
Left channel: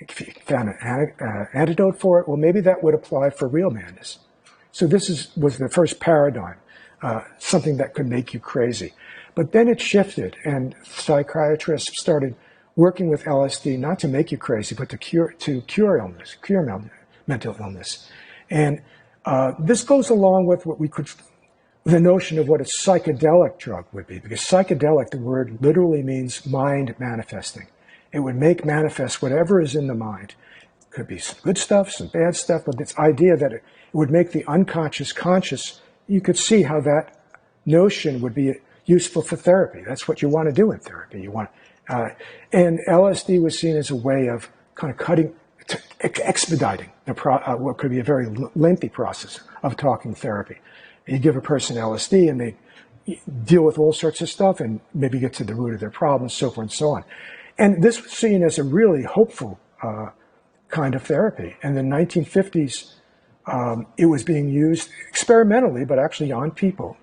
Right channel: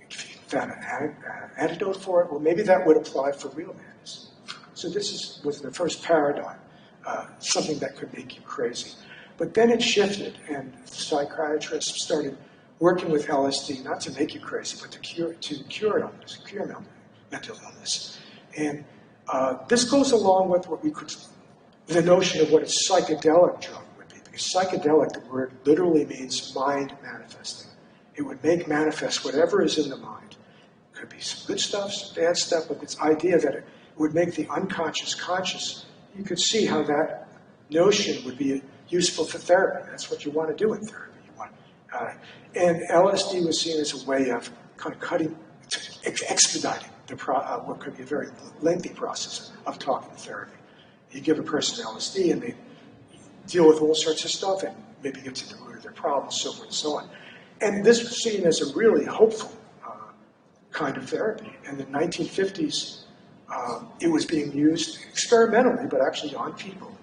if you found an antidote for it, well, maybe that would apply for real madness. So this was the first paradigm, something that could make you crazy. But then it shifted, and psychiatrists started working with LSD not to make you crazy, but to cure illness, cure mental illness. And this goes along with what the notion of what a psychedelic drug would be, because psychedelic, the word literally means mind manifesting. It would make manifest whatever is in the mind. It could be some good stuff, some bad stuff, but this idea that it would make the unconscious conscious, you could see how that notion would be useful for therapy. That's what you want to do in therapy. You want, and LSD was seen as a way of kind of expediting what could be a very lengthy process of talking therapy. You give a person LSD and they deal with all sorts of stuff and maybe get to the root of their problems, so forth and so on. And this was seen as a really hopeful kind of therapy. And in the 1950s, it was being used experimentally, but actually on people.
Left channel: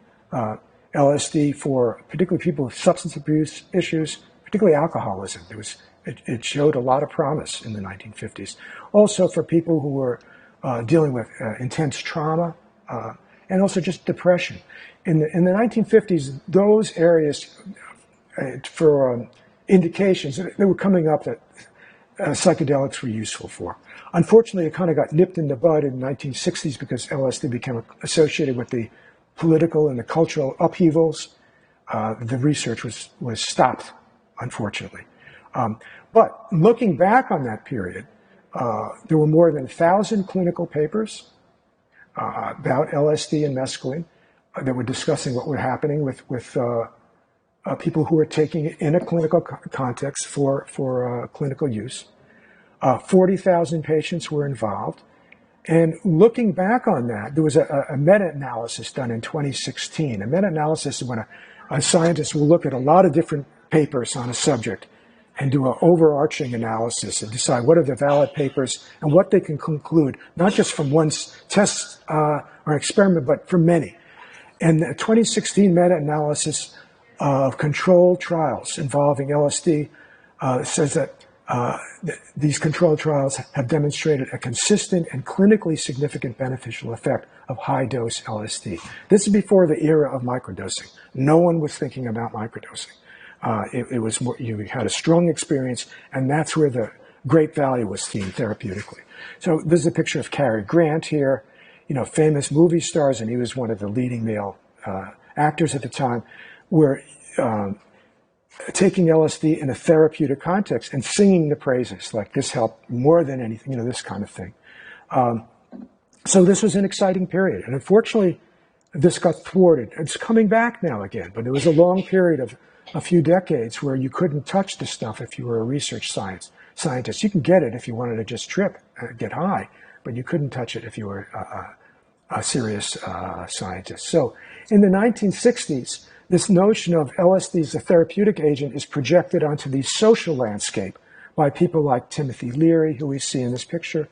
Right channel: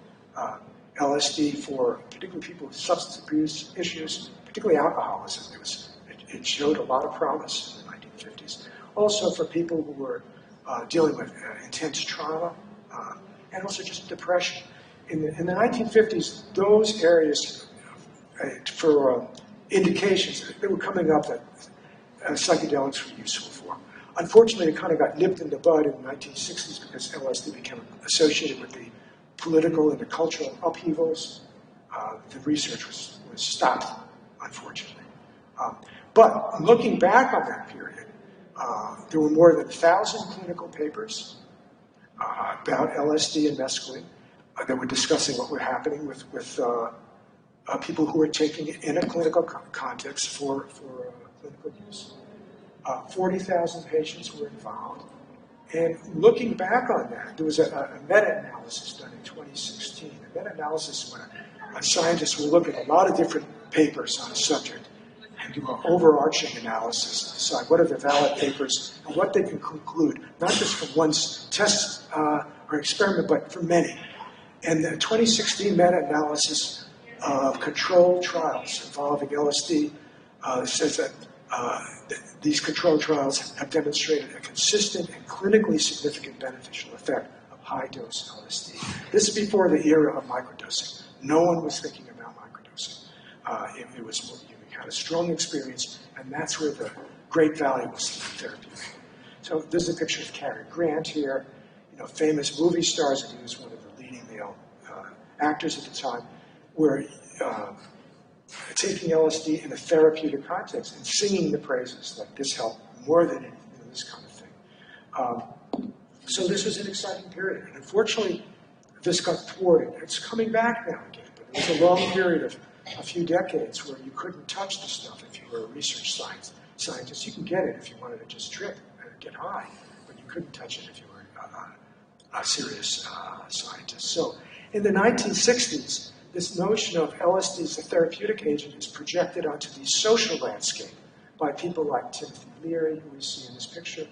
LSD for particularly people with substance abuse issues, particularly alcoholism. It showed a lot of promise in the 1950s. Also for people who were dealing with intense trauma, and also just depression. In the 1950s, those areas for indications, they were coming up that psychedelics were useful for. Unfortunately, it kind of got nipped in the bud in the 1960s because LSD became associated with the political and the cultural upheavals. The research was stopped, unfortunately. But looking back on that period, there were more than 1,000 clinical papers about LSD and mescaline that were discussing what was happening with people who were taking it in a clinical context for clinical use. 40,000 patients were involved. And looking back on that, there was a meta-analysis done in 2016. A meta-analysis is when a scientist will look at a lot of different papers on a subject and do an overarching analysis and decide what are the valid papers and what they can conclude, not just from one test or experiment, but from many. And the 2016 meta-analysis of controlled trials involving LSD says that these controlled trials have demonstrated a consistent and clinically significant beneficial effect of high-dose LSD. This is before the era of microdosing. No one was thinking about microdosing. It was more, you had a strong experience, and that's where the great value was seen therapeutically. So this is a picture of Cary Grant here, famous movie stars, and he was one of the leading male actors at the time, were taking LSD in a therapeutic context and singing the praises, like this helped more than anything, this kind of thing. So this was an exciting period, and unfortunately, this got thwarted. It's coming back now again, but it was a long period of a few decades where you couldn't touch the stuff if you were a research scientist. You can get it if you wanted to just trip and get high, but you couldn't touch it if you were a serious scientist. So in the 1960s, this notion of LSD as a therapeutic agent is projected onto the social landscape by people like Timothy Leary, who we see in this picture,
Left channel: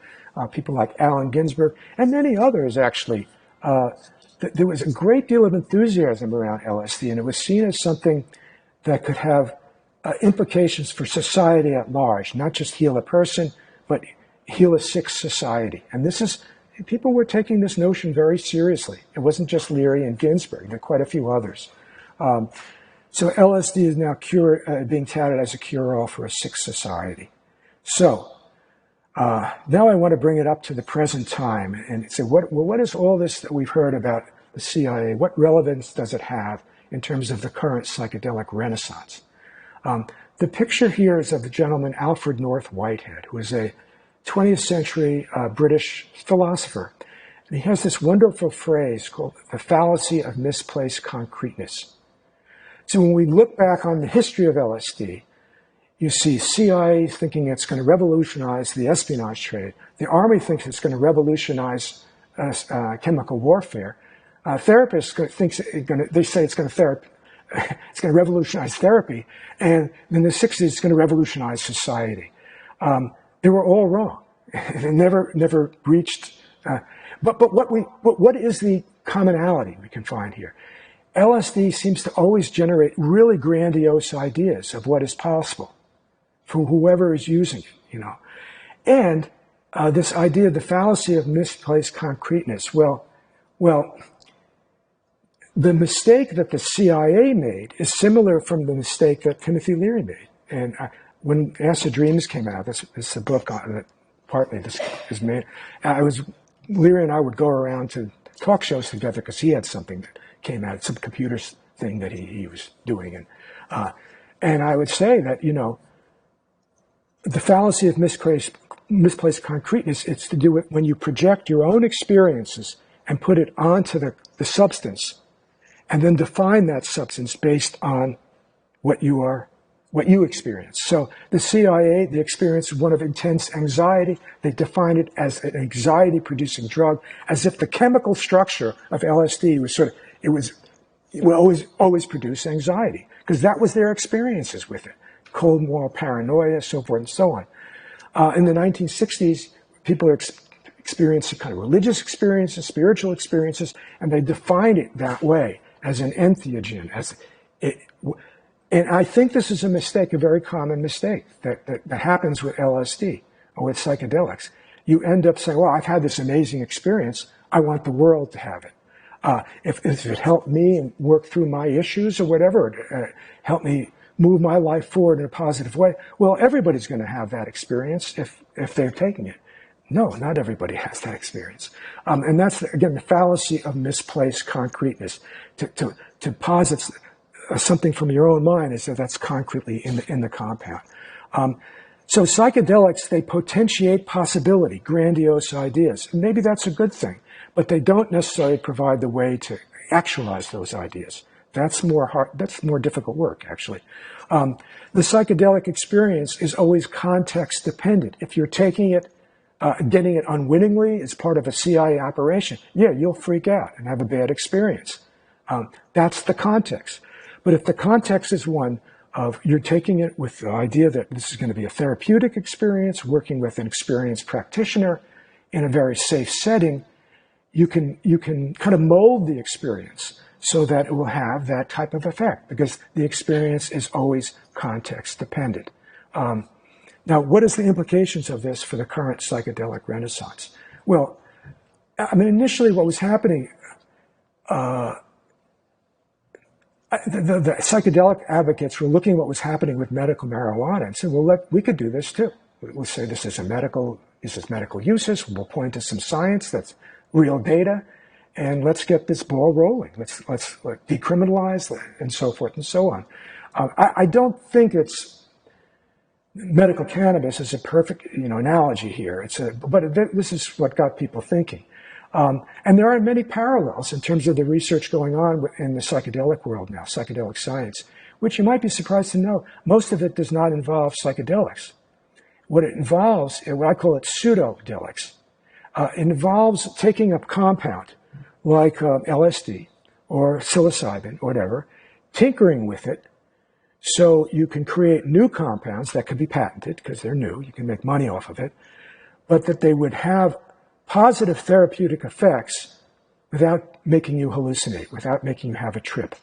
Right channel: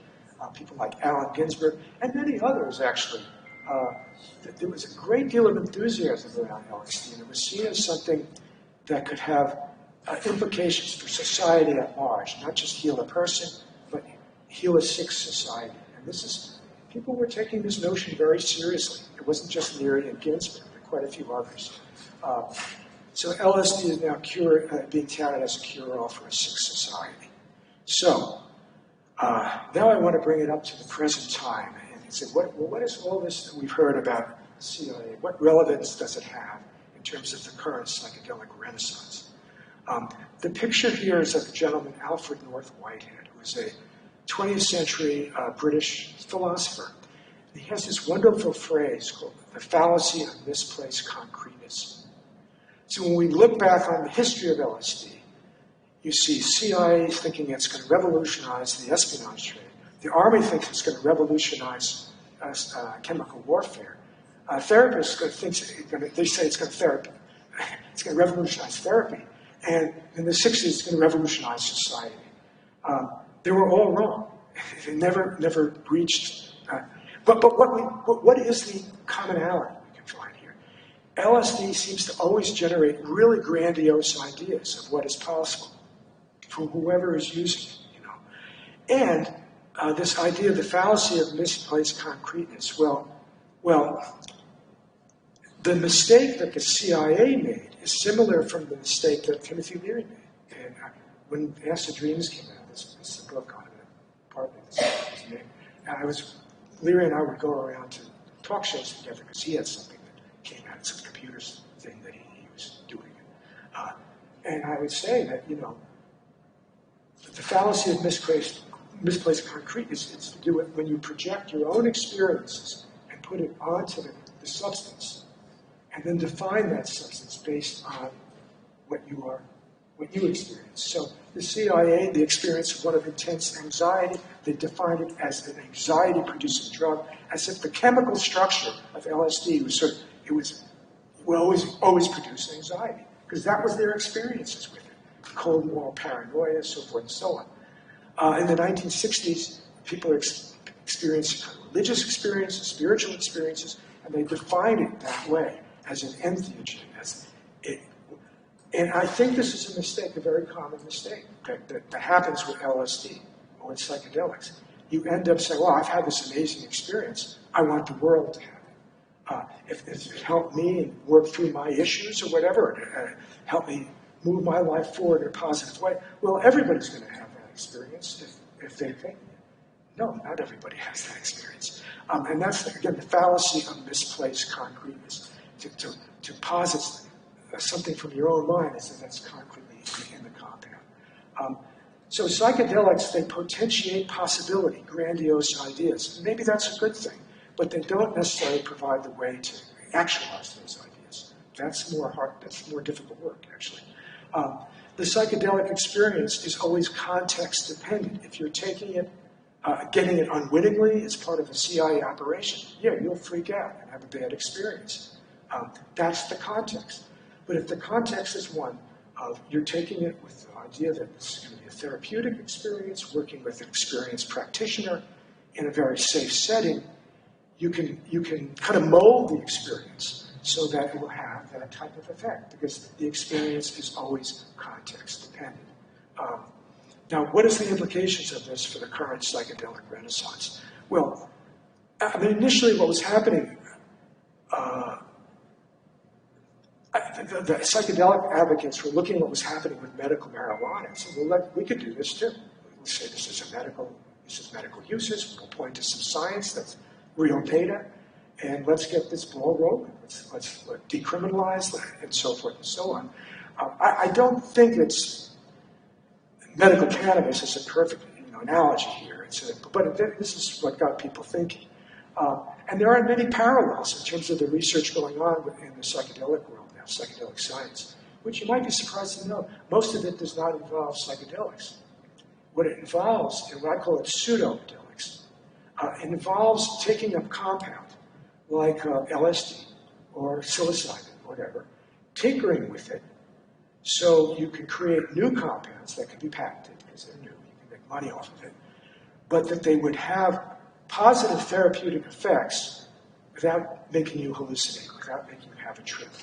people like Allen Ginsberg, and many others, actually. There was a great deal of enthusiasm around LSD, and it was seen as something that could have implications for society at large, not just heal a person, but heal a sick society. And people were taking this notion very seriously. It wasn't just Leary and Ginsberg, there were quite a few others. So LSD is now being touted as a cure-all for a sick society. So now I want to bring it up to the present time and say, what is all this that we've heard about the CIA? What relevance does it have in terms of the current psychedelic renaissance? The picture here is of a gentleman, Alfred North Whitehead, who is a 20th century British philosopher. And he has this wonderful phrase called the fallacy of misplaced concreteness. So when we look back on the history of LSD, you see CIA thinking it's going to revolutionize the espionage trade. The Army thinks it's going to revolutionize chemical warfare. Therapists they say it's going to revolutionize therapy, and in the 60s it's going to revolutionize society. They were all wrong. They never reached. But what is the commonality we can find here? LSD seems to always generate really grandiose ideas of what is possible for whoever is using it, And this idea of the fallacy of misplaced concreteness, well, the mistake that the CIA made is similar from the mistake that Timothy Leary made. And when Acid Dreams came out, this is the book that partly this is made. Leary and I would go around to talk shows together because he had something that came out, some computer thing that he was doing. And I would say that, the fallacy of misplaced concreteness, it's to do it when you project your own experiences and put it onto the substance, and then define that substance based on what you experience. So the CIA, they experienced one of intense anxiety. They defined it as an anxiety-producing drug, as if the chemical structure of LSD will always produce anxiety, because that was their experiences with it. Cold moral paranoia, so forth and so on. In the 1960s, people are experiencing kind of religious experiences, spiritual experiences, and they define it that way, as an entheogen. And I think this is a mistake, a very common mistake that happens with LSD or with psychedelics. You end up saying, well, I've had this amazing experience. I want the world to have it. If it helped me and work through my issues or whatever, help me move my life forward in a positive way, well, everybody's going to have that experience if they're taking it. No, not everybody has that experience. And that's, again, the fallacy of misplaced concreteness. To posit something from your own mind is that's concretely in the compound. So psychedelics, they potentiate possibility, grandiose ideas. Maybe that's a good thing, but they don't necessarily provide the way to actualize those ideas. That's more difficult work, actually. The psychedelic experience is always context dependent. If you're taking it, getting it unwittingly as part of a CIA operation, yeah, you'll freak out and have a bad experience. That's the context. But if the context is one of you're taking it with the idea that this is going to be a therapeutic experience, working with an experienced practitioner in a very safe setting, you can kind of mold the experience so that it will have that type of effect, because the experience is always context dependent. Now, what is the implications of this for the current psychedelic renaissance? Well, I mean, initially what was happening, the psychedelic advocates were looking at what was happening with medical marijuana and said, well, we could do this too. We'll say this is medical uses. We'll point to some science that's real data, and let's get this ball rolling. Let's decriminalize and so forth and so on. I don't think medical cannabis is a perfect analogy here. But this is what got people thinking. And there are many parallels in terms of the research going on in the psychedelic world now, psychedelic science, which you might be surprised to know, most of it does not involve psychedelics. What it involves, what I call it pseudodelics, it involves taking a compound like LSD or psilocybin or whatever, tinkering with it so you can create new compounds that could be patented because they're new, you can make money off of it, but that they would have positive therapeutic effects without making you hallucinate, without making you have a trip.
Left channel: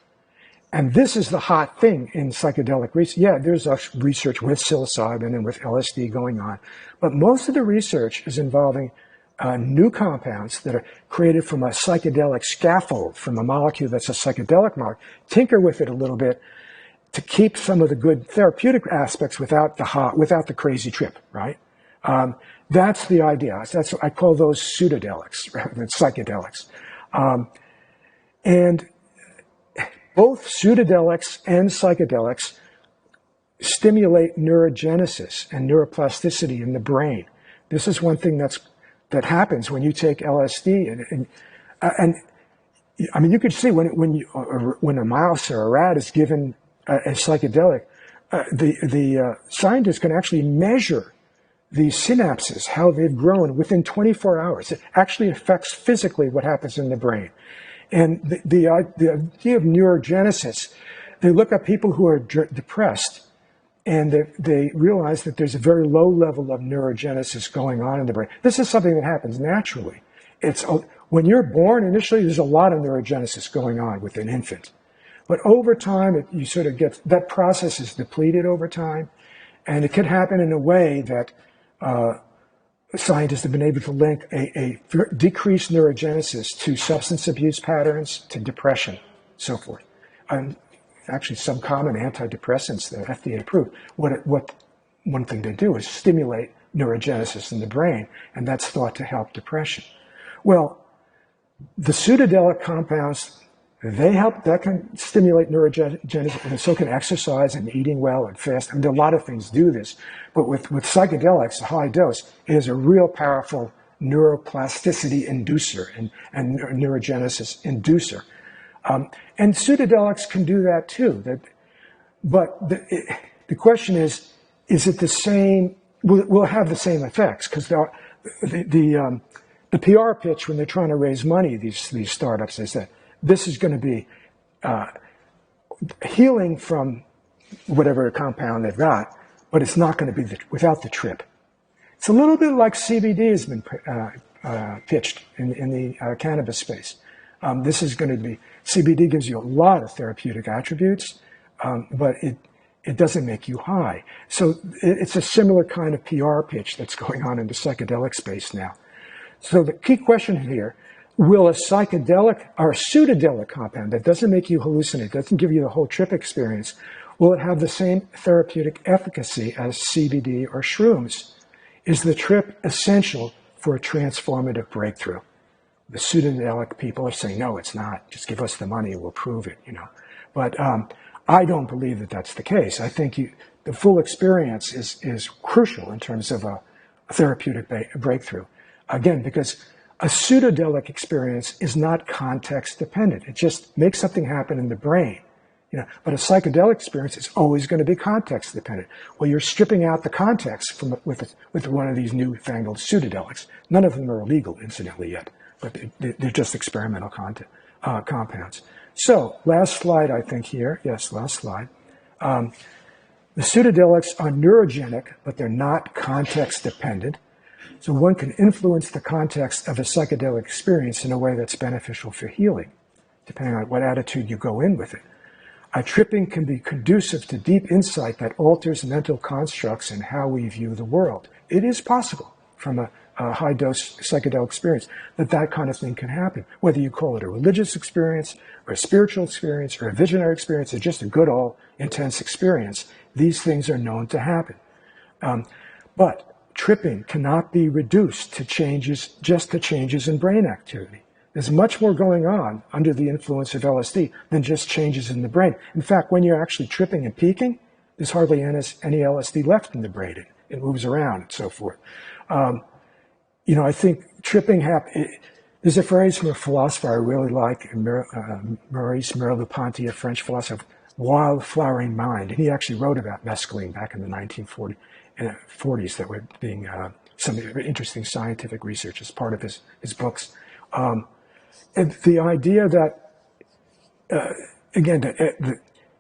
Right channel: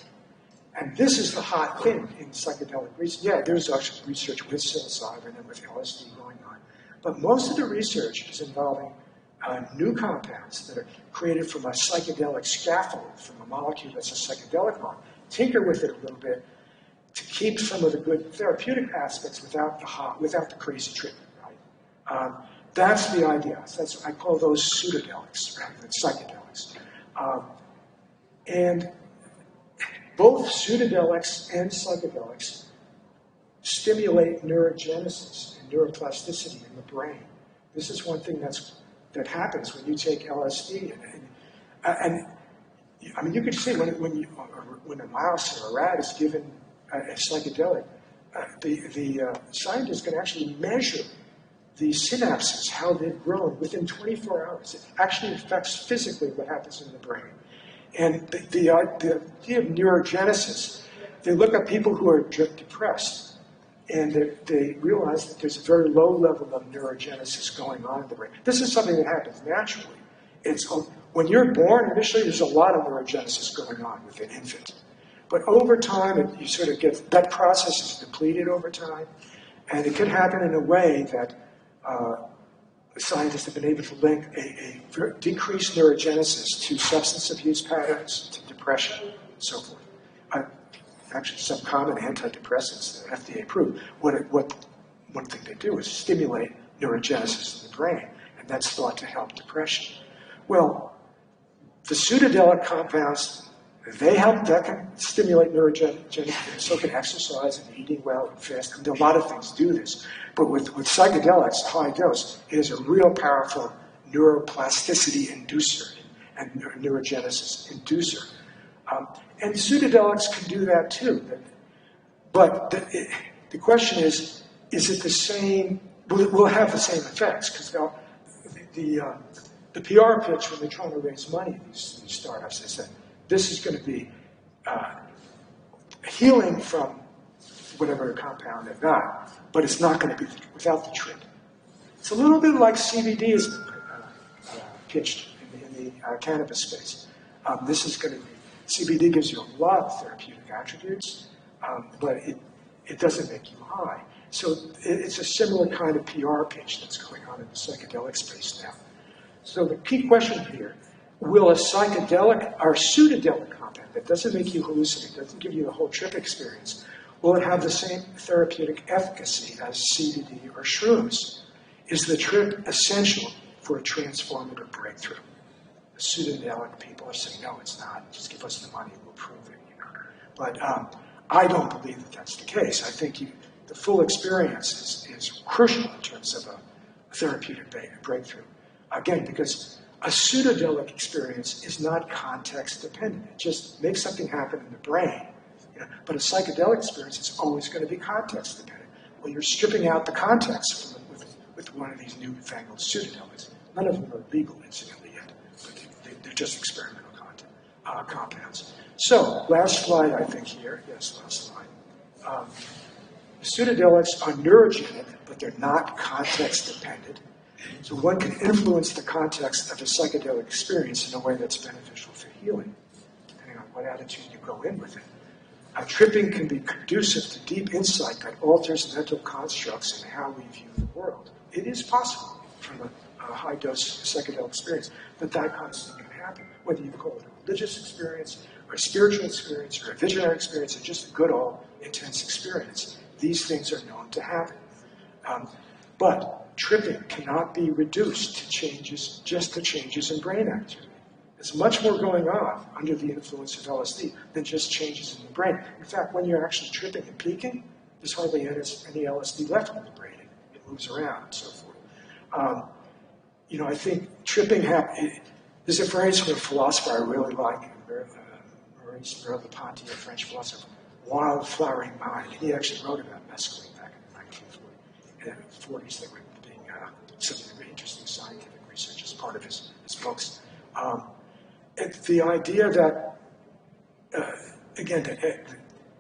And this is the hot thing in psychedelic research. Yeah, there's research with psilocybin and with LSD going on, but most of the research is involving new compounds that are created from a psychedelic scaffold, from a molecule that's a psychedelic molecule, tinker with it a little bit to keep some of the good therapeutic aspects without the crazy trip, right? That's the idea. I call those pseudodelics rather than psychedelics. And both pseudodelics and psychedelics stimulate neurogenesis and neuroplasticity in the brain. This is one thing that happens when you take LSD, and I mean, you can see when a mouse or a rat is given a psychedelic, the scientists can actually measure the synapses, how they've grown within 24 hours. It actually affects physically what happens in the brain. And the idea of neurogenesis, they look at people who are depressed, and they realize that there's a very low level of neurogenesis going on in the brain. This is something that happens naturally. When you're born, initially, there's a lot of neurogenesis going on with an infant. But over time, you sort of get, that process is depleted over time, and it could happen in a way that scientists have been able to link a decreased neurogenesis to substance abuse patterns, to depression, so forth. Actually, some common antidepressants that FDA approved, what one thing they do is stimulate neurogenesis in the brain, and that's thought to help depression. Well, the pseudodelic compounds They help, that can stimulate neurogenesis, and so can exercise and eating well and fast. And a lot of things do this. But with psychedelics, a high dose, it is a real powerful neuroplasticity inducer and neurogenesis inducer. And pseudodelics can do that too. But the question is it the same? Will it have the same effects? Because the PR pitch when they're trying to raise money, these startups, they say, this is going to be healing from whatever compound they've got, but it's not going to be without the trip. It's a little bit like CBD has been pitched in the cannabis space. This is going to be, CBD gives you a lot of therapeutic attributes, but it doesn't make you high. So it's a similar kind of PR pitch that's going on in the psychedelic space now. So the key question here, will a psychedelic or pseudodelic compound that doesn't make you hallucinate, doesn't give you the whole trip experience, will it have the same therapeutic efficacy as CBD or shrooms? Is the trip essential for a transformative breakthrough? The pseudodelic people are saying, no, it's not. Just give us the money, we'll prove it, you know. But I don't believe that that's the case. I think the full experience is crucial in terms of a therapeutic breakthrough. Again, because a pseudodelic experience is not context dependent. It just makes something happen in the brain. You know, but a psychedelic experience is always going to be context dependent. Well, you're stripping out the context with one of these newfangled pseudodelics. None of them are illegal, incidentally, yet, but they're just experimental compounds. So, last slide, I think here. Yes, last slide. The pseudodelics are neurogenic, but they're not context dependent. So one can influence the context of a psychedelic experience in a way that's beneficial for healing, depending on what attitude you go in with it. Tripping can be conducive to deep insight that alters mental constructs and how we view the world. It is possible from a high-dose psychedelic experience that kind of thing can happen, whether you call it a religious experience or a spiritual experience or a visionary experience or just a good old intense experience. These things are known to happen. But tripping cannot be reduced to just the changes in brain activity. There's much more going on under the influence of LSD than just changes in the brain. In fact, when you're actually tripping and peaking, there's hardly any LSD left in the brain. It moves around and so forth. You know, I think tripping there's a phrase from a philosopher I really like, Maurice Merleau-Ponty, a French philosopher, wild flowering mind. And he actually wrote about mescaline back in the 1940s that were being some interesting scientific research as part of his books. And the idea that, again, the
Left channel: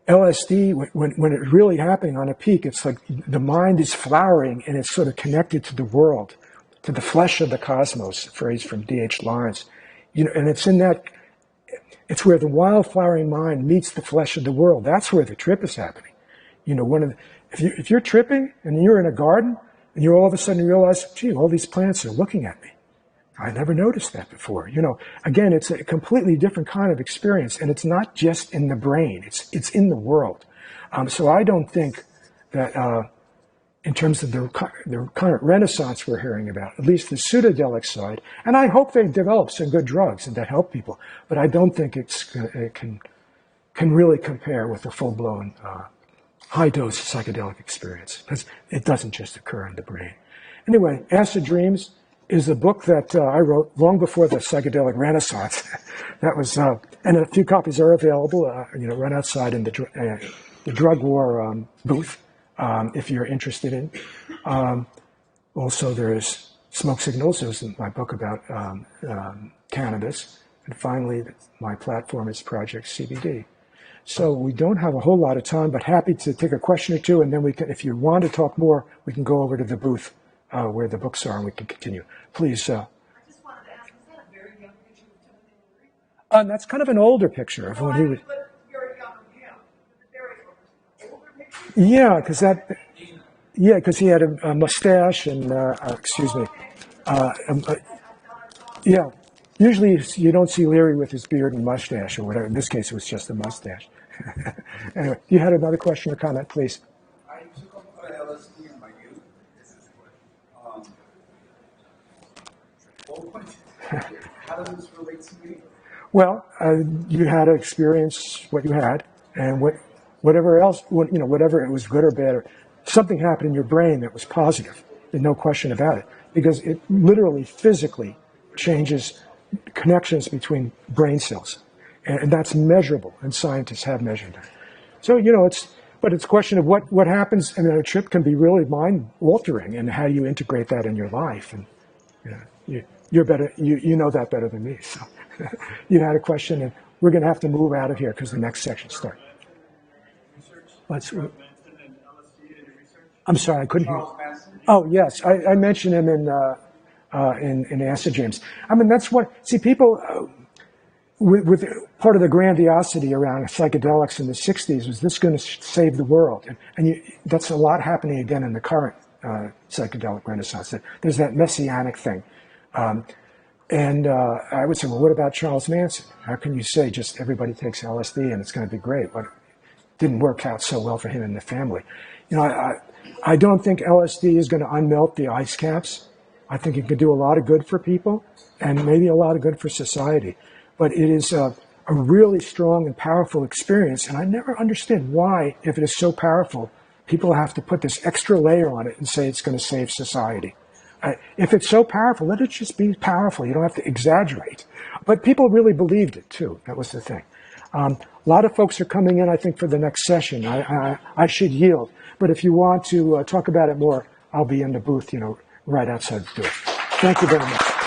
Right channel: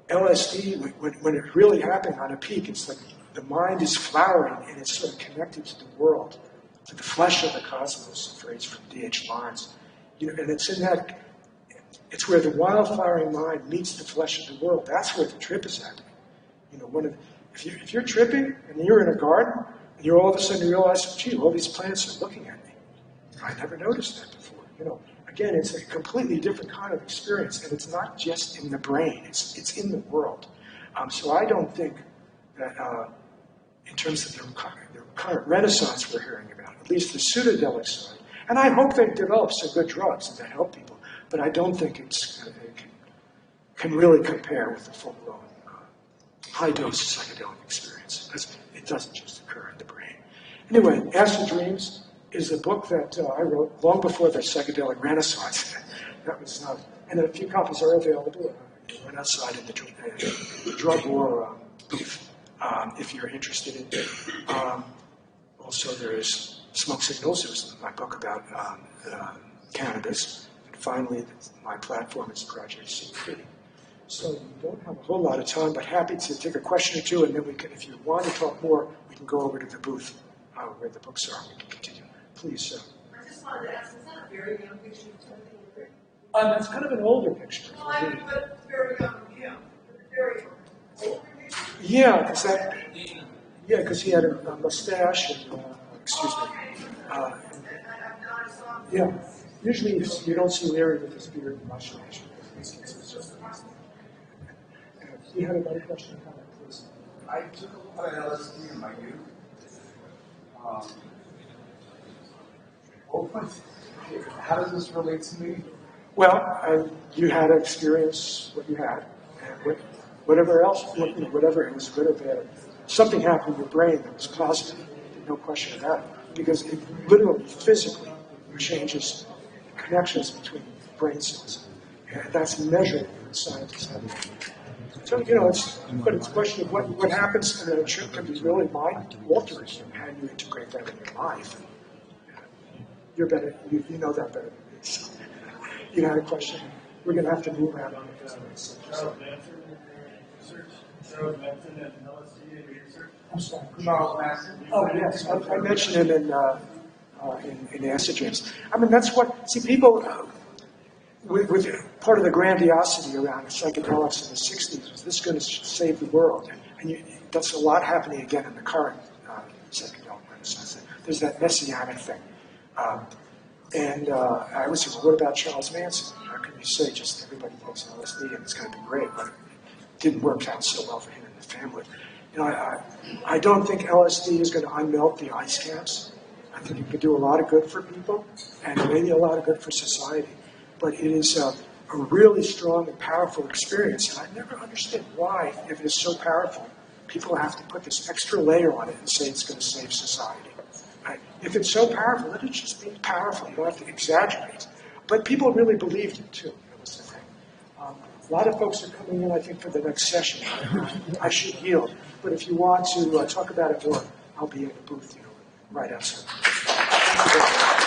LSD, when it's really happening on a peak, it's like the mind is flowering and it's sort of connected to the world, to the flesh of the cosmos, a phrase from D.H. Lawrence. You know, and it's it's where the wild flowering mind meets the flesh of the world. That's where the trip is happening. You know, if you're tripping and you're in a garden and you all of a sudden realize, gee, all these plants are looking at me. I never noticed that before. You know, again, it's a completely different kind of experience, and it's not just in the brain; it's in the world. So I don't think that, in terms of the current renaissance we're hearing about, at least the pseudodelic side, and I hope they develop some good drugs and that help people, but I don't think it can really compare with a full-blown high-dose psychedelic experience, because it doesn't just occur in the brain. Anyway, Acid Dreams is a book that I wrote long before the psychedelic renaissance. That was, and a few copies are available. You know, run outside in the drug war booth if you're interested in. Also, there's Smoke Signals. There's my book about cannabis, and finally, my platform is Project CBD. So we don't have a whole lot of time, but happy to take a question or two, and then we can, if you want to talk more, we can go over to the booth where the books are, and we can continue. Please. I just wanted to ask, is that a very young picture of Timothy Leary? That's kind of an older picture of when he was. But very young, yeah. Very older picture? Yeah, because he had a mustache and, excuse me. Yeah, usually you don't see Leary with his beard and mustache or whatever. In this case, it was just a mustache. Anyway, you had another question or comment, please? I took a lot of LSD in my youth. How does this relate to me? Well, you had to experience what you had, and whatever else, whatever it was good or bad, something happened in your brain that was positive. There's no question about it, because it literally, physically changes connections between brain cells, and that's measurable, and scientists have measured it. So it's a question of what happens, and then a trip can be really mind altering, and how you integrate that in your life. And you're better, you know that better than me. So you had a question, and we're going to have to move out of here because the next section starts. I'm sorry, I couldn't hear you. Oh, yes, I mentioned it in Acid Dreams. I mean, that's people, with part of the grandiosity around psychedelics in the 60s was this going to save the world. And that's a lot happening again in the current psychedelic renaissance. There's that messianic thing. And I would say, well, what about Charles Manson? How can you say just everybody takes LSD and it's going to be great? Well, it didn't work out so well for him and the family. I don't think LSD is going to unmelt the ice caps. I think it could do a lot of good for people and maybe a lot of good for society. But it is a really strong and powerful experience. And I never understand why, if it is so powerful, people have to put this extra layer on it and say it's going to save society. If it's so powerful, let it just be powerful. You don't have to exaggerate. But people really believed it, too. That was the thing. A lot of folks are coming in, I think, for the next session. I should yield. But if you want to talk about it more, I'll be in the booth, right outside the door. Thank you very much.